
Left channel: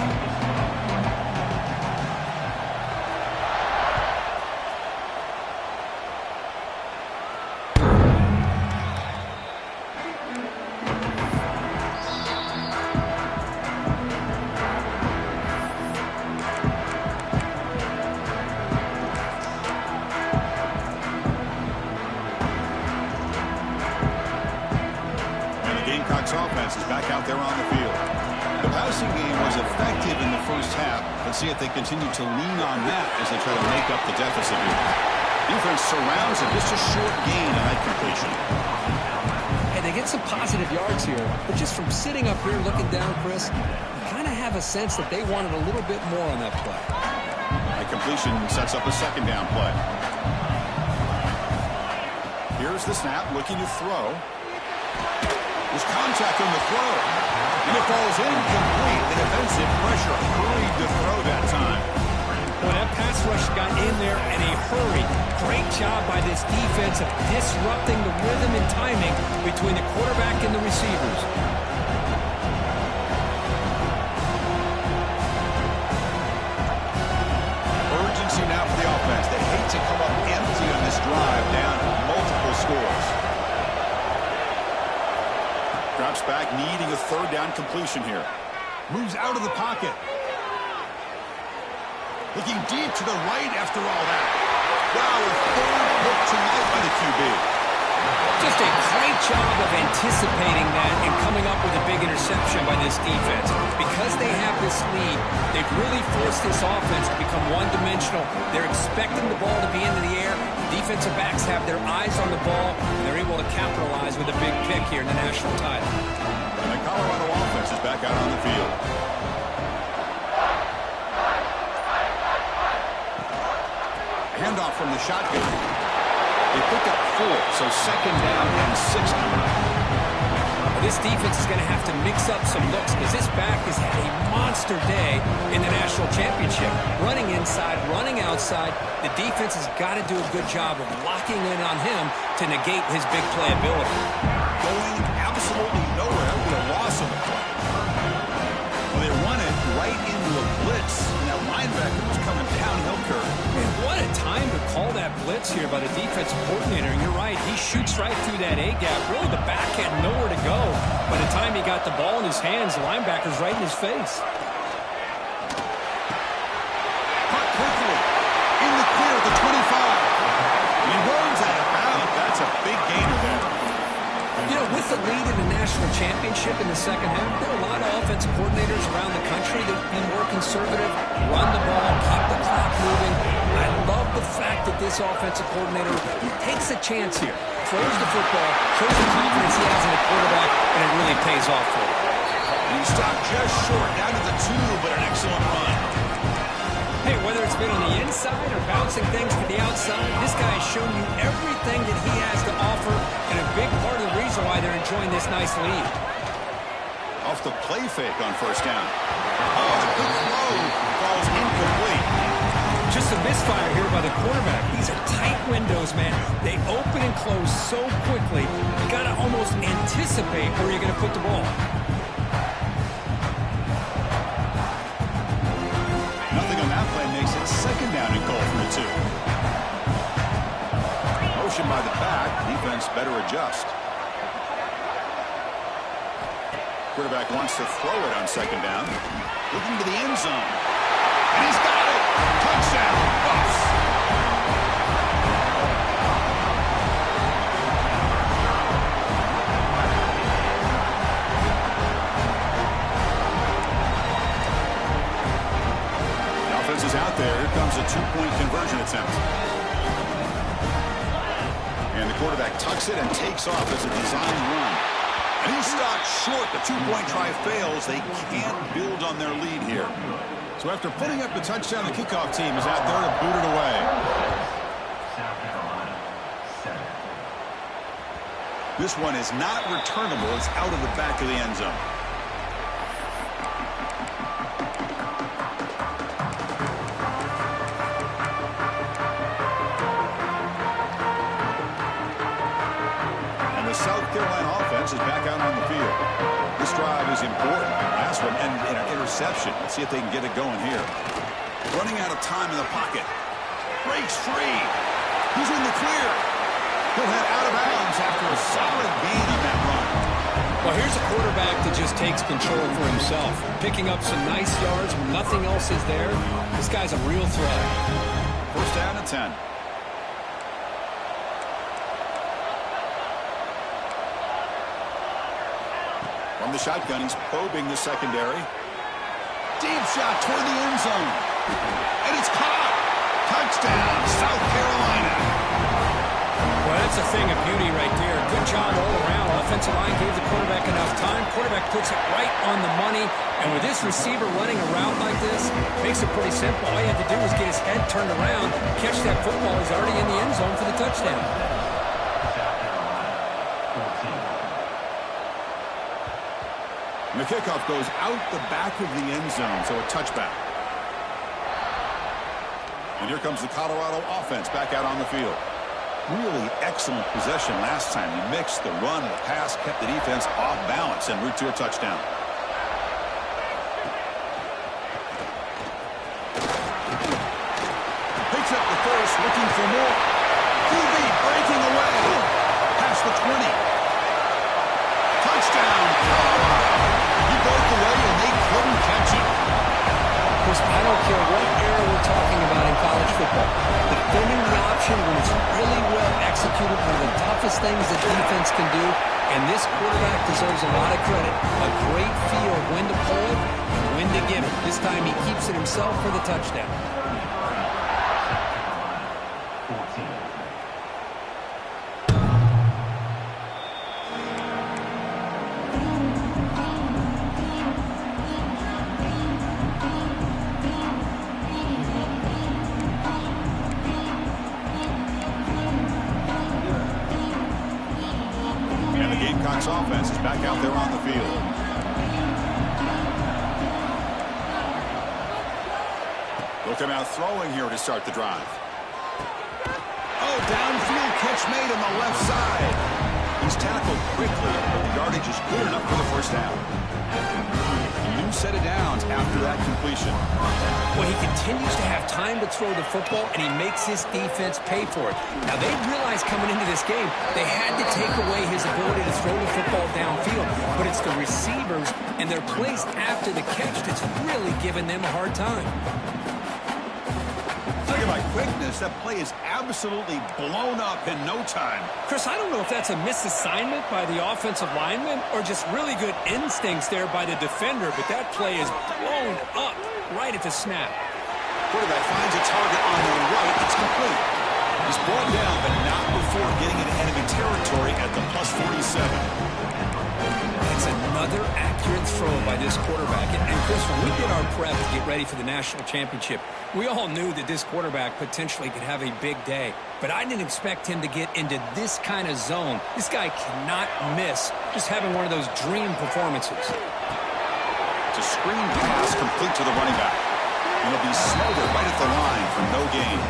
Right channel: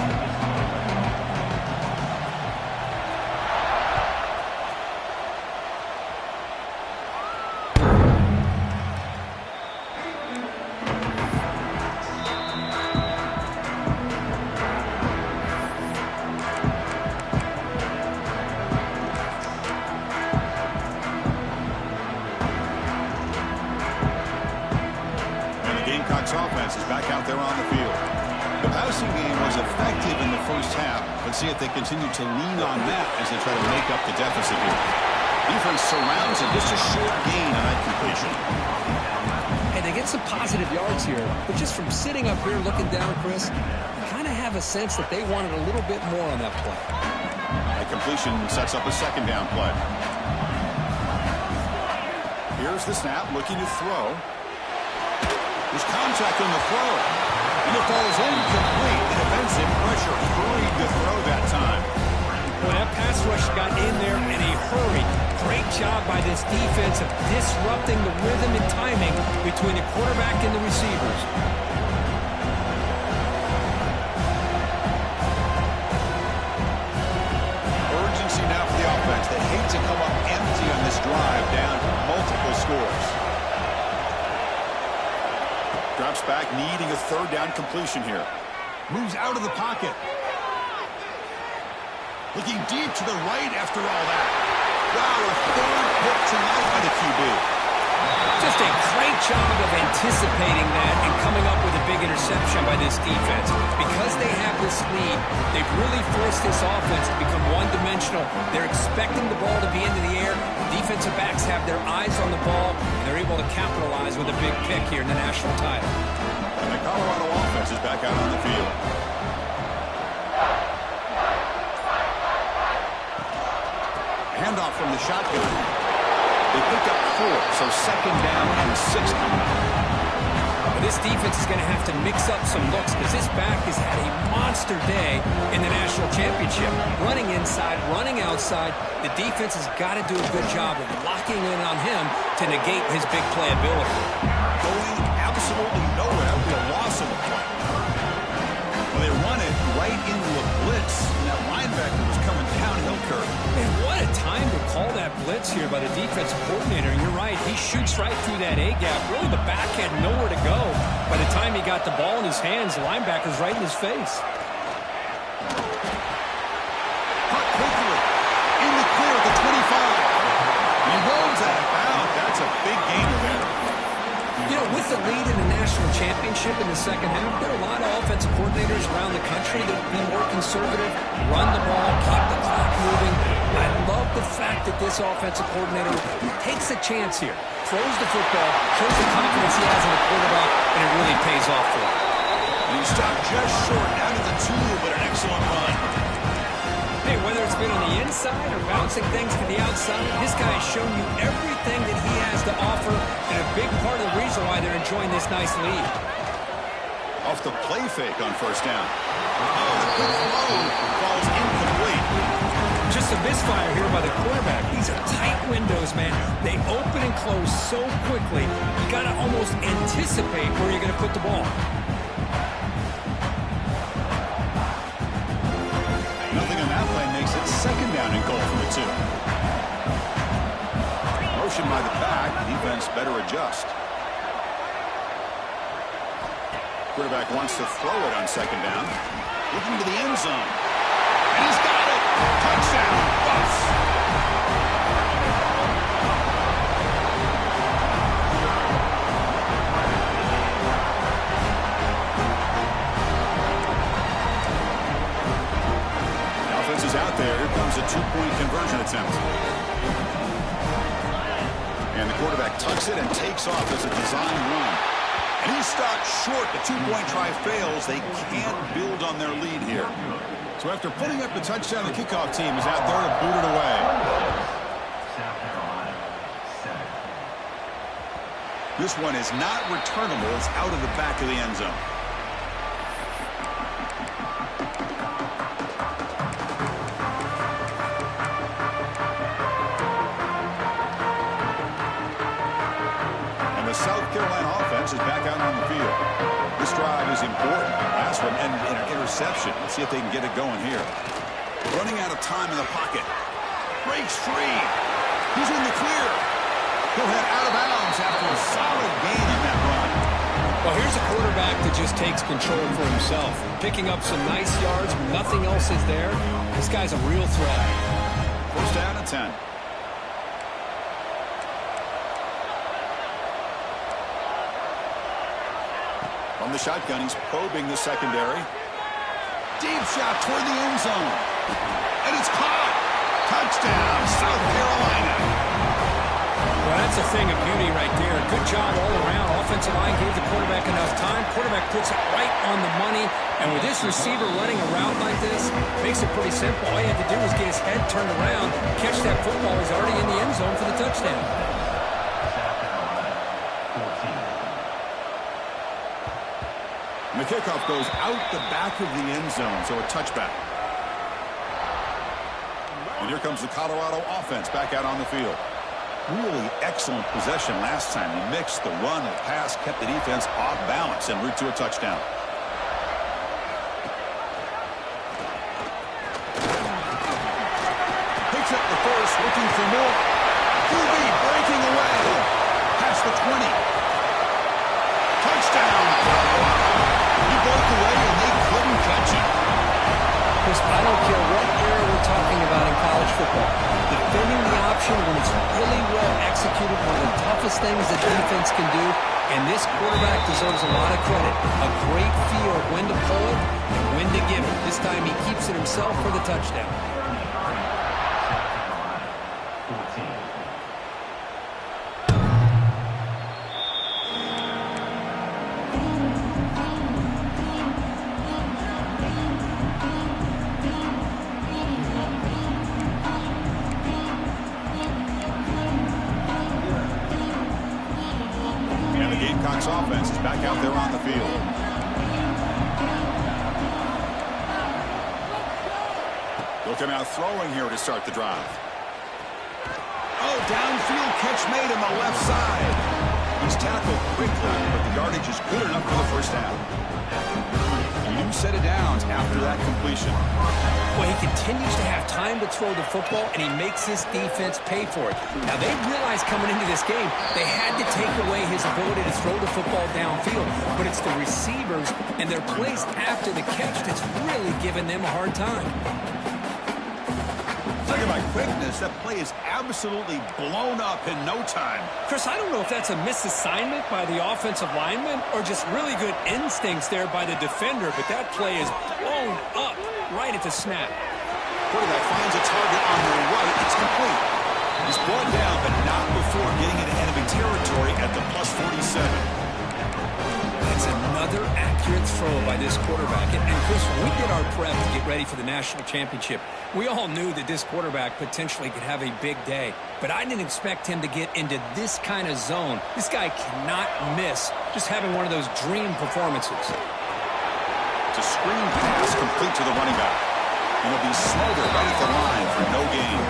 Offense is back out there on the field. The passing game was effective in the first half. Let's see if they continue to lean on that as they try to make up the deficit here. Defense surrounds it. Just a short gain on that completion. Hey, they get some positive yards here, but just from sitting up here looking down, Chris, you kind of have a sense that they wanted a little bit more on that play. That completion sets up a second down play. Here's the snap, looking to throw. There's contact on the throw. And it falls incomplete. The defensive pressure hurried to throw that time. Well, that pass rush got in there in a hurry. Great job by this defense of disrupting the rhythm and timing between the quarterback and the receivers. Urgency now for the offense. They hate to come up empty on this drive, down multiple scores. Drops back, needing a third down completion here. Moves out of the pocket. Looking deep to the right after all that. Wow, a third pick tonight by the QB. Just a great job of anticipating that and coming up with a big interception by this defense. Because they have this lead, they've really forced this offense to become one-dimensional. They're expecting the ball to be into the air. Defensive backs have their eyes on the ball, and they're able to capitalize with a big pick here in the national title. And the Colorado offense is back out on the field. Handoff from the shotgun. They pick up 4, so second down and 6 coming up. This defense is going to have to mix up some looks because this back has had a monster day in the national championship. Running inside, running outside. The defense has got to do a good job of locking in on him to negate his big play ability. going absolutely nowhere. That would be a loss of the play. Well, they run it right into a blitz, and that linebacker was coming downhill curve. Man, what a time to call that blitz here by the defensive coordinator. And you're right, he shoots right through that A-gap. Really, the back had nowhere to go. By the time he got the ball in his hands, the linebacker's right in his face. Cut quickly. In the clear at the 25. He runs out of bounds. That's a big gainer there. You know, with the lead in the national championship in the second half, there are a lot of offensive coordinators around the country that would be more conservative, run the ball, keep the clock moving. I love the fact that this offensive coordinator takes a chance here, throws the football, shows the confidence he has in the quarterback, and it really pays off for him. And he stopped just short, down to the 2, but an excellent run. Hey, whether it's been on the inside or bouncing things to the outside, this guy has shown you everything that he has to offer, and a big part of the reason why they're enjoying this nice lead. Off the play fake on first down. Oh, the quick throw falls incomplete. Just a misfire here by the quarterback. These are tight windows, man. They open and close so quickly. You got to almost anticipate where you're going to put the ball. Nothing on that play makes it second down and goal from the 2. Motion by the back. Defense better adjust. Quarterback wants to throw it on second down. Looking to the end zone. And he's got it. Touchdown, Buffs. Is out there. Here comes a 2-point conversion attempt. And the quarterback tucks it and takes off as a design run. And he's stopped short. The 2-point try fails. They can't build on their lead here. So after putting up the touchdown, the kickoff team is out there to boot it away. South Carolina, 7. This one is not returnable. It's out of the back of the end zone. South Carolina offense is back out on the field. This drive is important. Last one ended in an interception. Let's see if they can get it going here. Running out of time in the pocket. Breaks free. He's in the clear. He'll head out of bounds after a solid gain on that run. Well, here's a quarterback that just takes control for himself. Picking up some nice yards when nothing else is there. This guy's a real threat. First down and 10. From the shotgun, he's probing the secondary. Deep shot toward the end zone. And it's caught. Touchdown, South Carolina. Well, that's a thing of beauty right there. Good job all around. Offensive line gave the quarterback enough time. Quarterback puts it right on the money. And with this receiver running a route like this, makes it pretty simple. All you had to do was get his head turned around, catch that football. He's already in the end zone for the touchdown. South Carolina, 14. And the kickoff goes out the back of the end zone, so a touchback. And here comes the Colorado offense back out on the field. Really excellent possession last time. He mixed the run and the pass, kept the defense off balance en route to a touchdown. Picks up the first, looking for more. QB breaking away. Past the 20. Touchdown, Colorado. He broke away and they couldn't catch him. Chris, I don't care what era we're talking about in college football. Defending the option when it's really well executed, one of the toughest things that defense can do, and this quarterback deserves a lot of credit. A great feel of when to pull it and when to give it. This time he keeps it himself for the touchdown. South Carolina, 14. Gamecocks offense is back out there on the field. They'll come out throwing here to start the drive. Oh, downfield catch made on the left side. He's tackled quickly, but the yardage is good enough for the first down. A new set of downs after that completion. Well, he continues to have time to throw the football, and he makes his defense pay for it. Now, they realized coming into this game they had to take away his ability to throw the football downfield, but it's the receivers and their plays after the catch that's really giving them a hard time. Talking about quickness, that play is absolutely blown up in no time. Chris, I don't know if that's a misassignment by the offensive lineman or just really good instincts there by the defender, but that play is blown up right at the snap. Quarterback finds a target on the right. It's complete. He's brought down, but not before getting into enemy territory at the plus 47. That's another accurate throw by this quarterback. And Chris, when we did our prep to get ready for the national championship, we all knew that this quarterback potentially could have a big day. But I didn't expect him to get into this kind of zone. This guy cannot miss just having one of those dream performances. It's a screen pass complete to the running back. And he'll be smothered right at the line for no gain.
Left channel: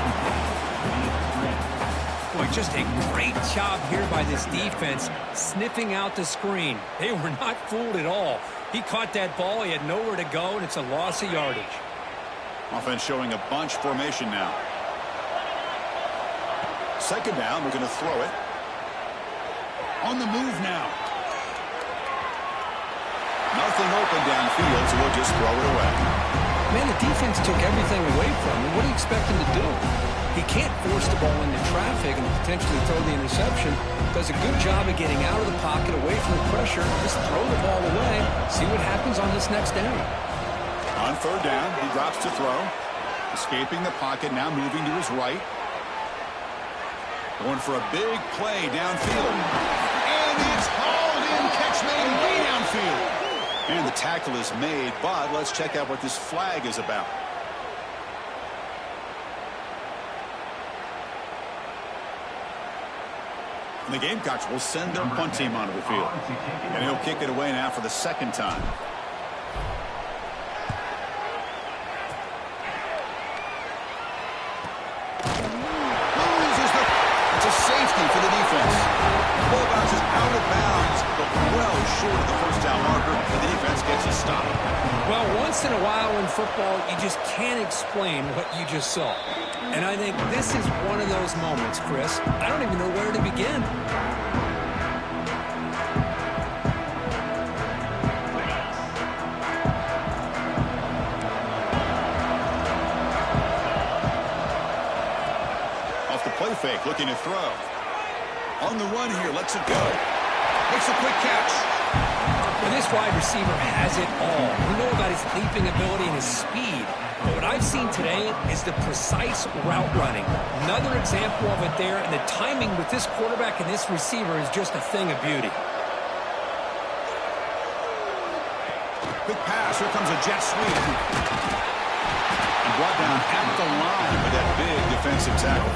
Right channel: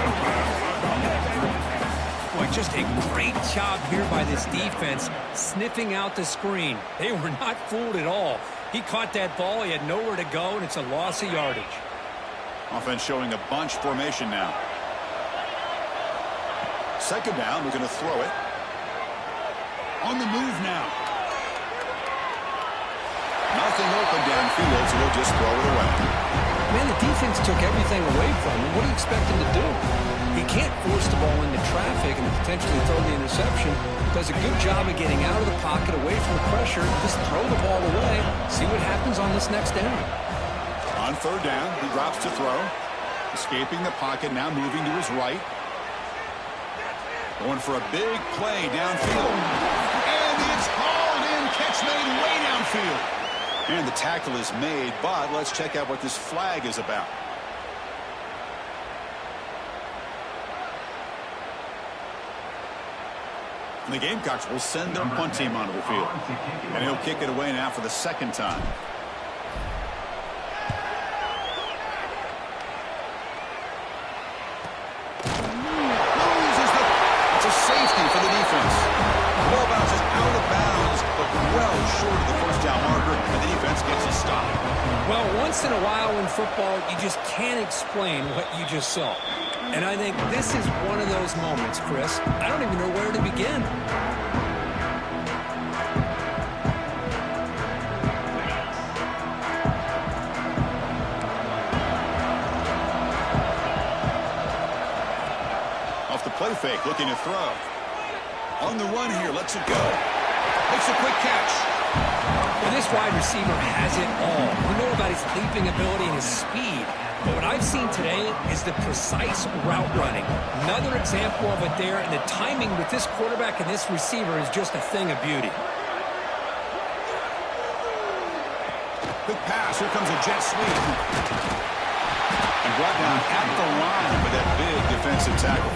Boy, just a great job here by this defense, sniffing out the screen. They were not fooled at all. He caught that ball, he had nowhere to go, and it's a loss of yardage. Offense showing a bunch formation now. Second down, we're going to throw it. On the move now. Nothing open downfield, so we'll just throw it away. Man, the defense took everything away from him. What do you expect him to do? He can't force the ball into traffic and potentially throw the interception. Does a good job of getting out of the pocket, away from the pressure. Just throw the ball away. See what happens on this next down. On third down, he drops to throw. Escaping the pocket, now moving to his right. Going for a big play downfield. And it's hauled in. Catch made way downfield. And the tackle is made, but let's check out what this flag is about. And the Gamecocks will send their punt team onto the field. And he'll kick it away now for the second time. It's a safety for the defense. The ball bounces out of bounds, but well short of the first down marker, and the defense gets a stop. Well, once in a while in football, you just can't explain what you just saw. And I think this is one of those moments, Chris. I don't even know where to begin. Off the play fake, looking to throw. On the run here, lets it go. Makes a quick catch. Well, this wide receiver has it all. We know about his leaping ability and his speed. But what I've seen today is the precise route running. Another example of it there, and the timing with this quarterback and this receiver is just a thing of beauty. Quick pass, here comes a jet sweep. And brought down at the line with that big defensive tackle.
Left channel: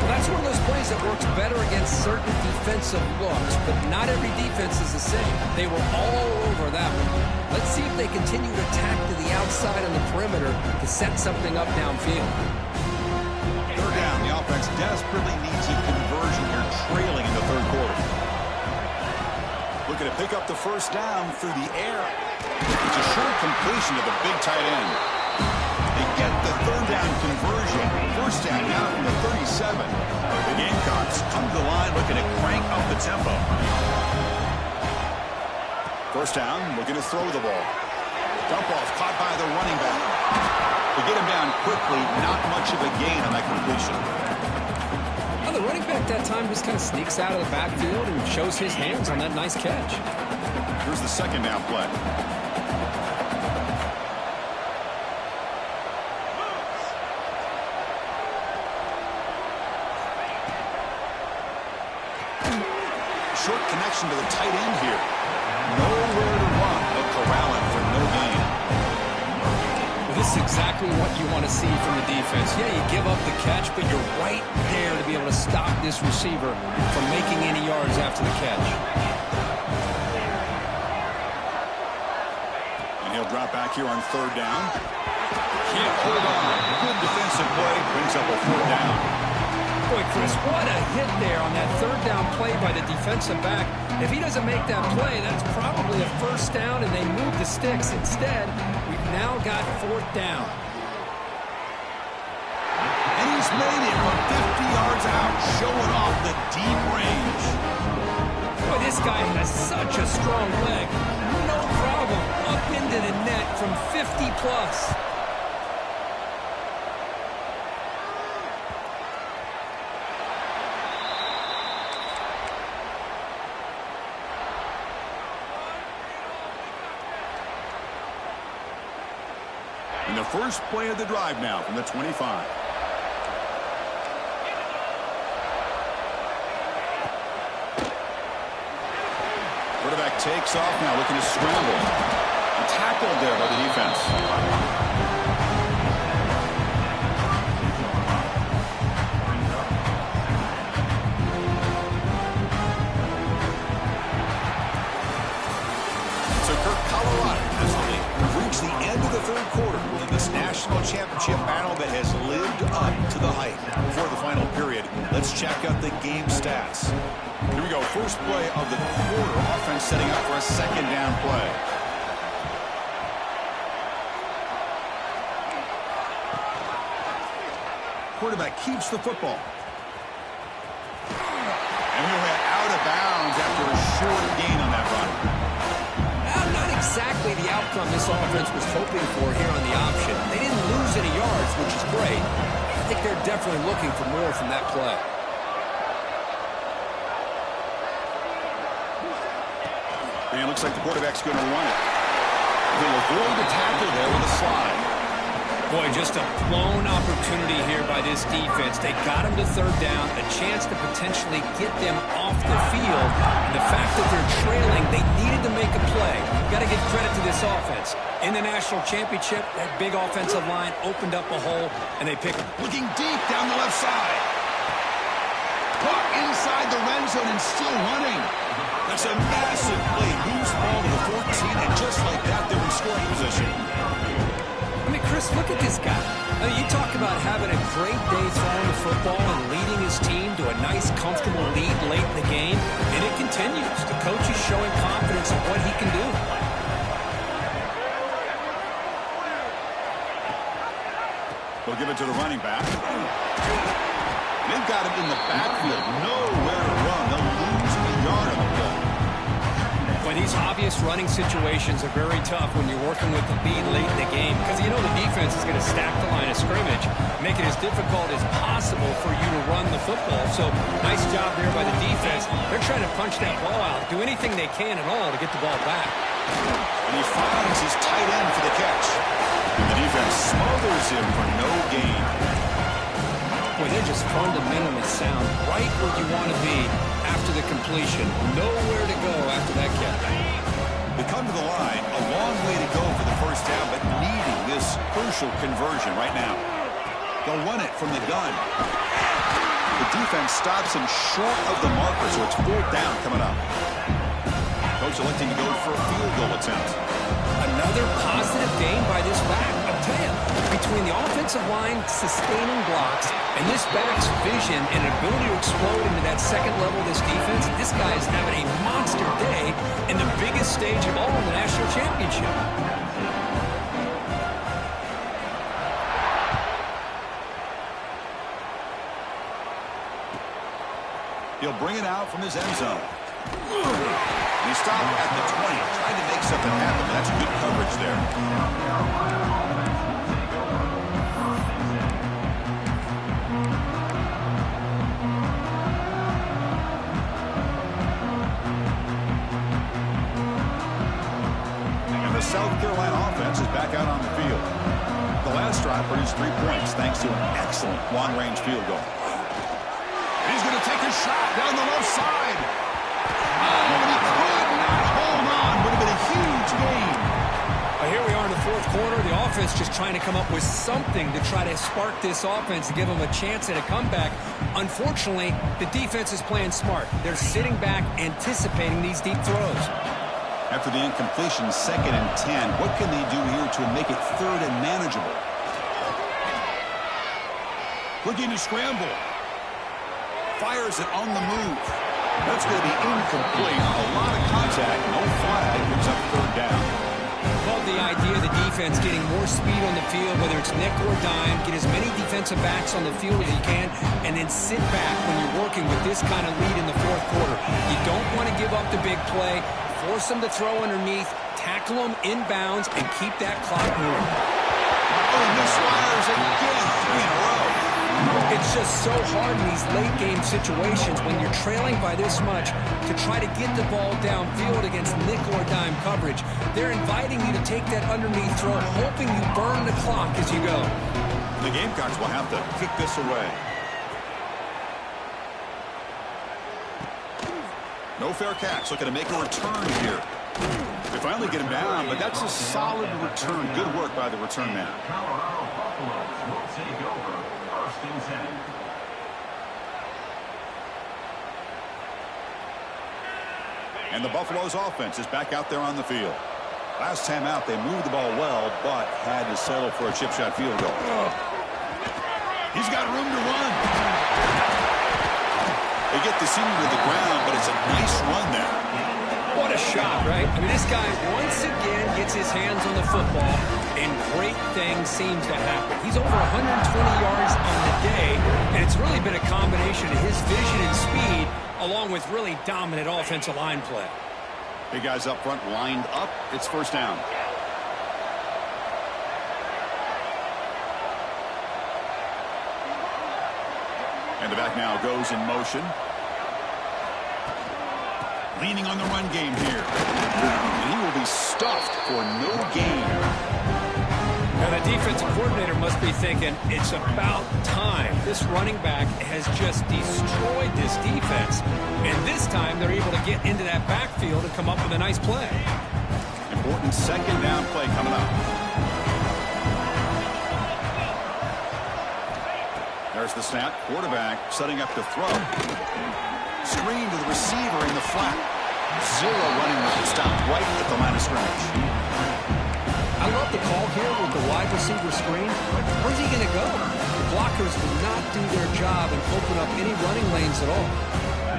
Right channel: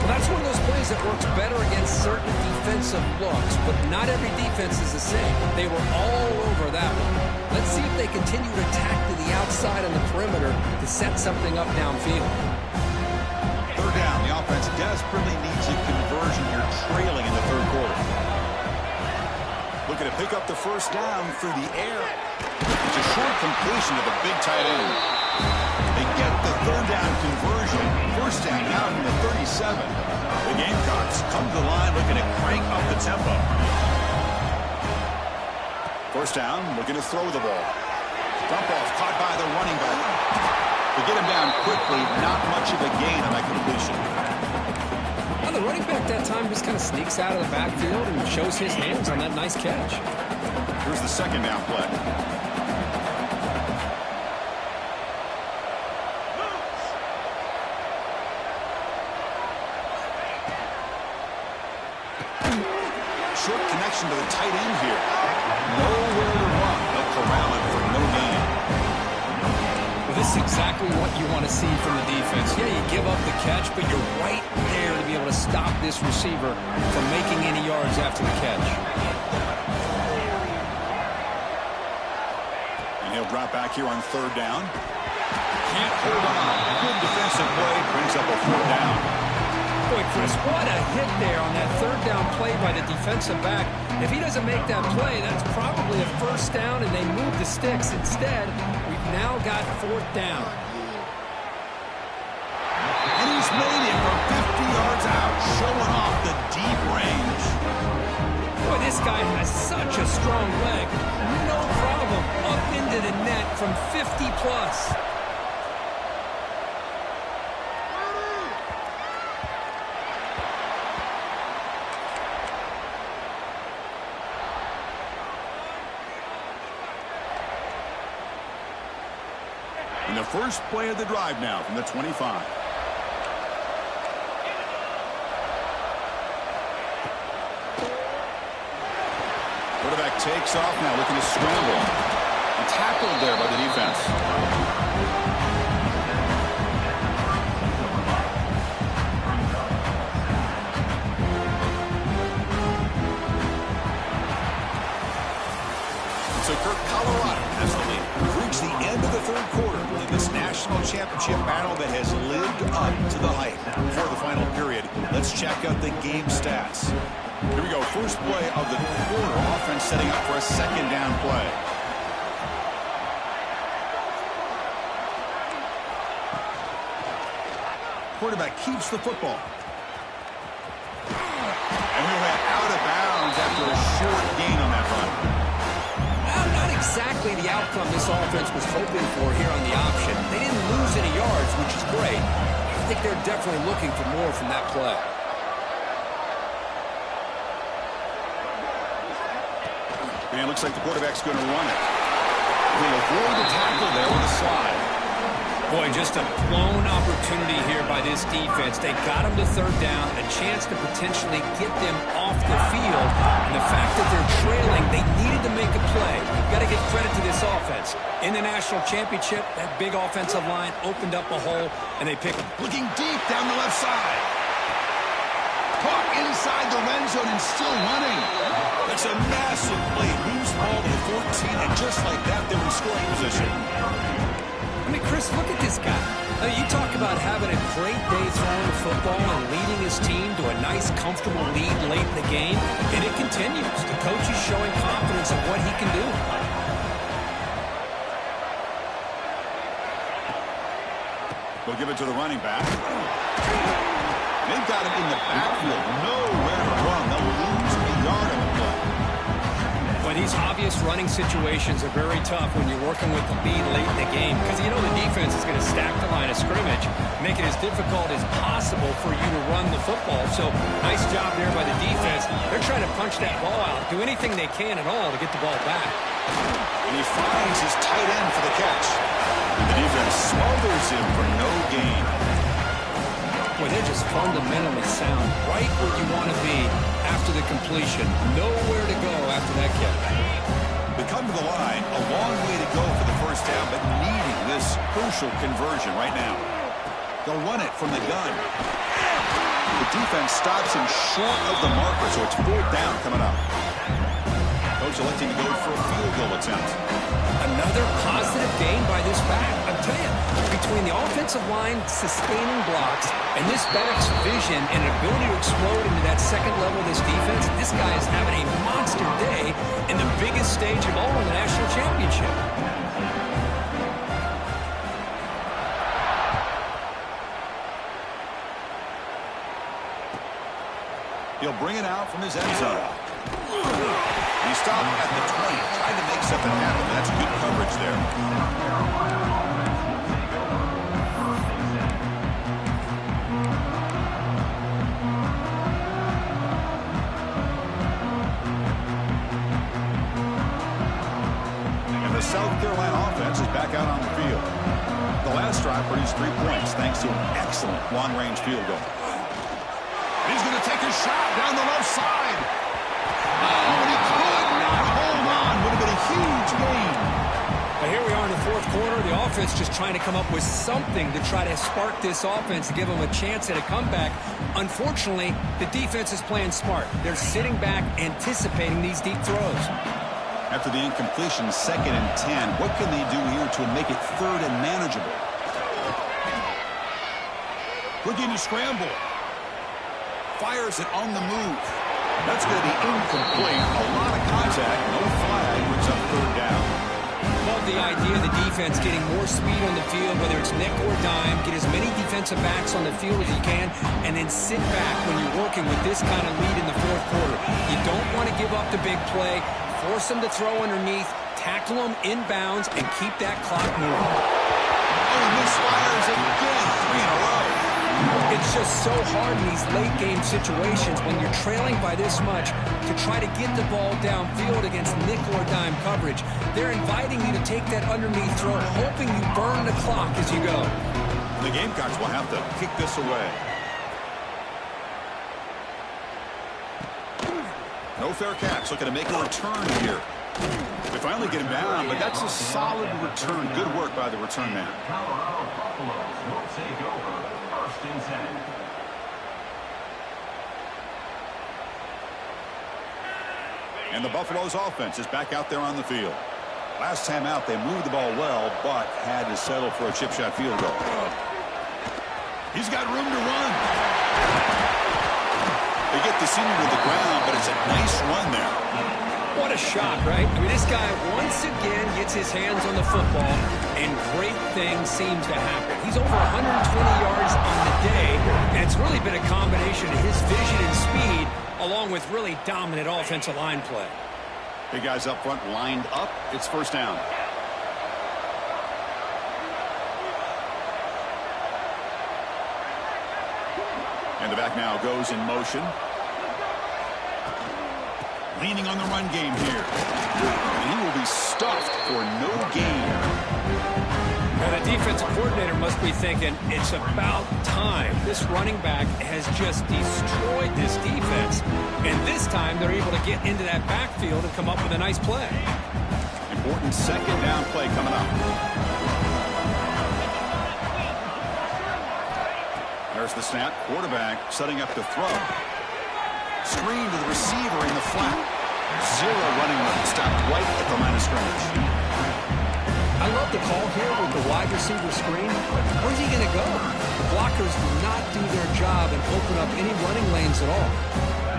Well, that's one of those plays that works better against certain defensive looks, but not every defense is the same. They were all over that one. Let's see if they continue to attack to the outside on the perimeter to set something up downfield. Third down, the offense desperately needs a conversion here, trailing in the third quarter. Looking to pick up the first down through the air. It's a short completion to the big tight end. They get the third down conversion. First down now from the 37. The Gamecocks come to the line looking to crank up the tempo. First down, looking to throw the ball. Dump off caught by the running back. To get him down quickly, not much of a gain on that completion. Well, the running back that time just kind of sneaks out of the backfield and shows his hands on that nice catch. Here's the second down play. Short connection to the tight end here. Nowhere to run. They'll corral him for no gain. Well, this is exactly what you want to see from the defense. Yeah, you give up the catch, but you're right there to be able to stop this receiver from making any yards after the catch. And he'll drop back here on third down. Can't hold on. Good defensive play. Brings up a fourth down. Boy, Chris, what a hit there on that third down play by the defensive back. If he doesn't make that play, that's probably a first down, and they move the sticks. Instead, we've now got fourth down. And he's made it from 50 yards out, showing off the deep range. Boy, this guy has such a strong leg. No problem. Up into the net from 50 plus. And the first play of the drive now from the 25. Quarterback takes off now, looking to scramble. And tackled there by the defense. So Kirk, Colorado has the lead. We've reached the end of the third quarter in this national championship battle that has lived up to the hype. Before the final period, let's check out the game stats. Here we go. First play of the quarter. Offense setting up for a second down play. Quarterback keeps the football. And we went out of bounds after a short gain on that run. Not exactly the outcome this offense was hoping for here on the option. They didn't lose any yards, which is great. I think they're definitely looking for more from that play. And it looks like the quarterback's going to run it. He'll avoid the tackle there with a slide. Boy, just a blown opportunity here by this defense. They got him to third down, a chance to potentially get them off the field. And the fact that they're trailing, they needed to make a play. You've got to give credit to this offense. In the national championship, that big offensive line opened up a hole, and they picked him. Looking deep down the left side. Caught inside the red zone and still running. That's a massive play. Moves the ball to the 14, and just like that, they're in scoring position. I mean, Chris, look at this guy. I mean, you talk about having a great day throwing the football and leading his team to a nice, comfortable lead late in the game, and it continues. The coach is showing confidence of what he can do. They'll give it to the running back. They've got him in the backfield. Nowhere to run. They'll lose a yard on the play. But these obvious running situations are very tough when you're working with the lead late in the game, because you know the defense is going to stack the line of scrimmage, make it as difficult as possible for you to run the football. So nice job there by the defense. They're trying to punch that ball out, do anything they can at all to get the ball back. And he finds his tight end for the catch. And the defense smothers him for no gain. Boy, they're just fundamentally sound, right where you want to be after the completion. Nowhere to go after that catch. They come to the line, a long way to go for the first down, but needing this crucial conversion right now. They'll run it from the gun. The defense stops him short of the marker, so it's fourth down coming up. Coach electing to go for a field goal attempt. Another positive gain by this back. I'll tell you, between the offensive line sustaining blocks and this back's vision and ability to explode into that second level of this defense, this guy is having a monster day in the biggest stage of all in the national championship. He'll bring it out from his end zone. He stopped at the 20, tried to make something happen, but that's good coverage there. And the South Carolina offense is back out on the field. The last drive produced 3 points thanks to an excellent long-range field goal. And he's going to take a shot down the left side. Oh, and he could not hold on. Would have been a huge gain. But here we are in the fourth quarter. The offense just trying to come up with something to try to spark this offense to give them a chance at a comeback. Unfortunately, the defense is playing smart. They're sitting back, anticipating these deep throws. After the incompletion, 2nd and 10, what can they do here to make it 3rd and manageable? Looking to scramble. Fires it on the move. That's going to be incomplete. A lot of contact. No flag. Brings up third down. Love the idea of the defense getting more speed on the field, whether it's nickel or dime. Get as many defensive backs on the field as you can, and then sit back when you're working with this kind of lead in the fourth quarter. You don't want to give up the big play. Force them to throw underneath, tackle them inbounds, and keep that clock moving. Oh, misfires again. 3 in a row. It's just so hard in these late-game situations when you're trailing by this much to try to get the ball downfield against nickel or dime coverage. They're inviting you to take that underneath throw, hoping you burn the clock as you go. The Gamecocks will have to kick this away. No fair catch. Looking to make a return here. They finally get him down, but that's a solid return. Good work by the return man. Colorado Buffaloes will take over 1st and 10. And the Buffaloes offense is back out there on the field. Last time out, they moved the ball well, but had to settle for a chip shot field goal. He's got room to run. They get the senior to the ground, but it's a nice run there. What a shot, right? I mean, this guy once again gets his hands on the football, and great things seem to happen. He's over 120 yards on the day, and it's really been a combination of his vision and speed, along with really dominant offensive line play. Big guys up front lined up. It's first down. And the back now goes in motion. Leaning on the run game here. And he will be stuffed for no gain. Now the defensive coordinator must be thinking, it's about time. This running back has just destroyed this defense. And this time they're able to get into that backfield and come up with a nice play. Important second down play coming up. There's the snap. Quarterback setting up to throw. Screen to the receiver in the flat. Zero running room. Stopped right at the line of scrimmage. I love the call here with the wide receiver screen. Where's he going to go? The blockers do not do their job and open up any running lanes at all.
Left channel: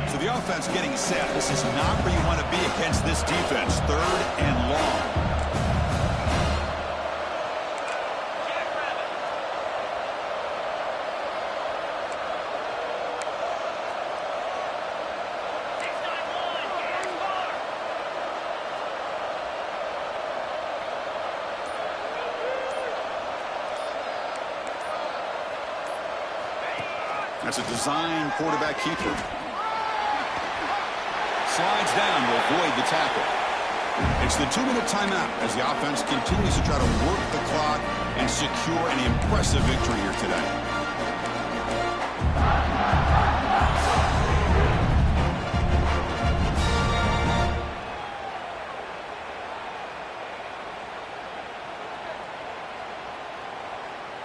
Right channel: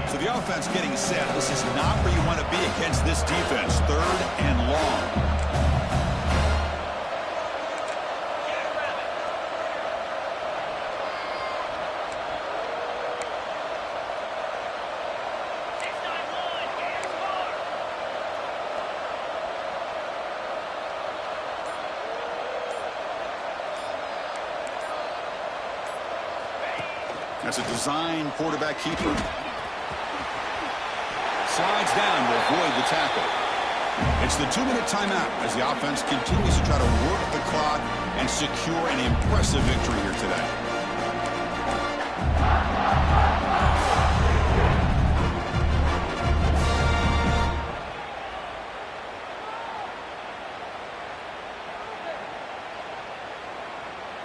So the offense getting set. This is not where you want to be against this defense. Third and long. That's a design quarterback keeper. Slides down to avoid the tackle. It's the 2-minute timeout as the offense continues to try to work the clock and secure an impressive victory here today.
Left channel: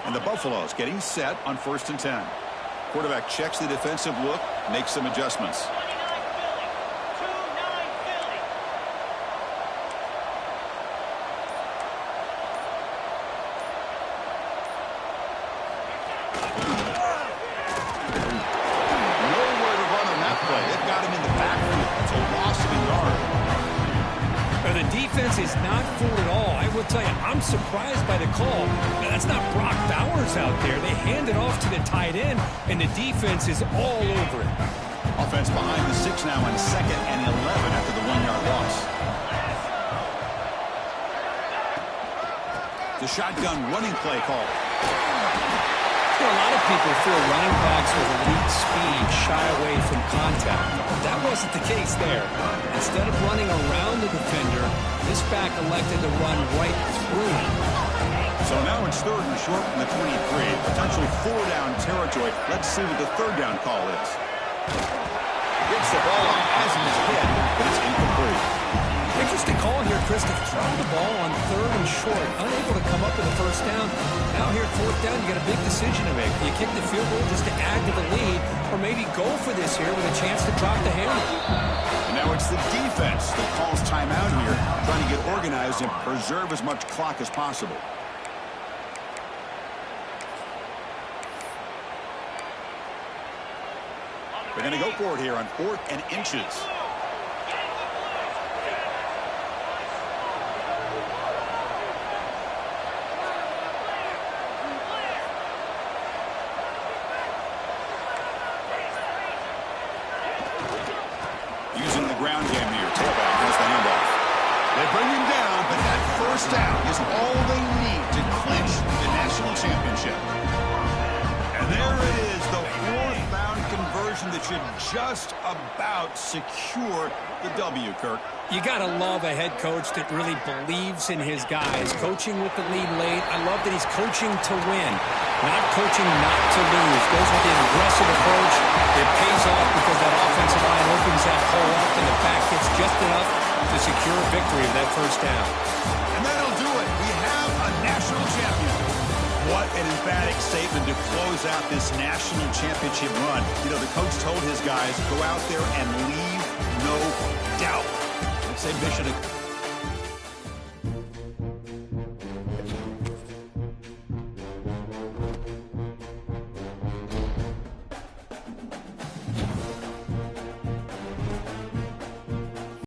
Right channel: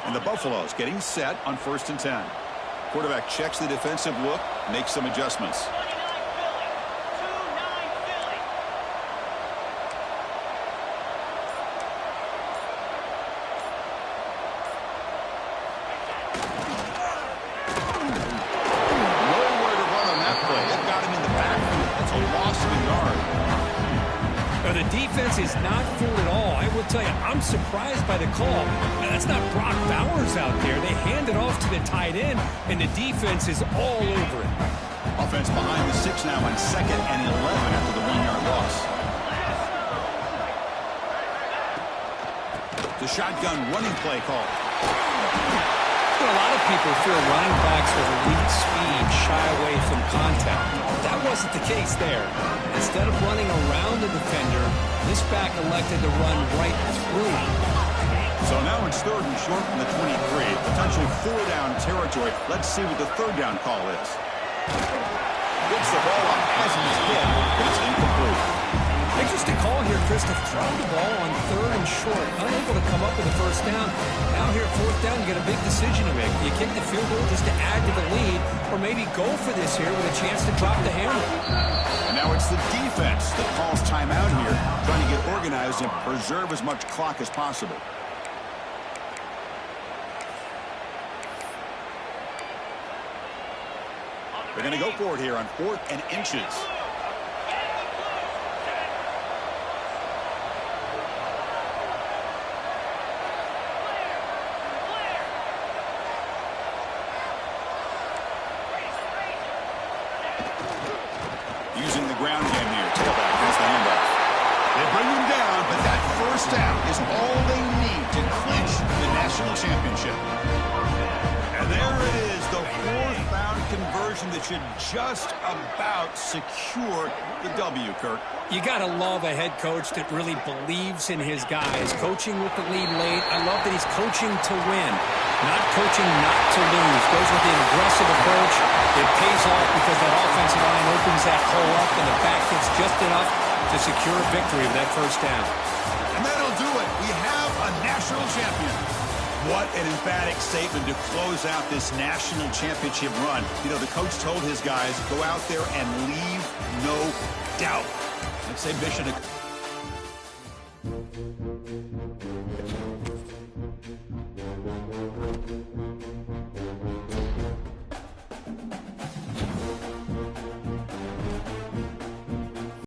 And the Buffaloes getting set on 1st and 10. Quarterback checks the defensive look, makes some adjustments. 29 Philly. 2-9 Philly. Nowhere to run on that play. They've got him in the backfield. That's a loss of a yard. The defense is not fooled at all. I will tell you, I'm surprised by the call. That's not Brock Bowers out there. They hand it off to the tight end, and the defense is all over it. Offense behind the 6 now on 2nd and 11 after the 1-yard loss. The shotgun running play call. You know, a lot of people feel running backs with elite speed shy away from contact. That wasn't the case there. Instead of running around the defender, this back elected to run right through him. So now it's 3rd and short from the 23. Potential 4-down territory. Let's see what the 3rd down call is. Gets the ball up as he's hit, but it's incomplete. Interesting call here, Chris, to throw the ball on 3rd and short. Unable to come up with a 1st down. Now here at 4th down, you got a big decision to make. Do you kick the field goal just to add to the lead, or maybe go for this here with a chance to drop the handle? And now it's the defense that calls timeout here, trying to get organized and preserve as much clock as possible. On the They're going to go for it here on 4th and inches. Using the ground game here. Tailback has the handoff. They bring him down, but that first down is all they need to clinch the national championship. And there it is, the 4th down conversion that should just about secure the W, Kirk. You got to love a head coach that really believes in his guys. Coaching with the lead late. I love that he's coaching to win, not coaching not to lose. Goes with an aggressive approach. It pays off because that offensive line opens that hole up and the back gets just enough to secure a victory of that first down. And that'll do it. We have a national champion. What an emphatic statement to close out this national championship run. You know, the coach told his guys, go out there and leave no doubt. Let's say mission accomplished.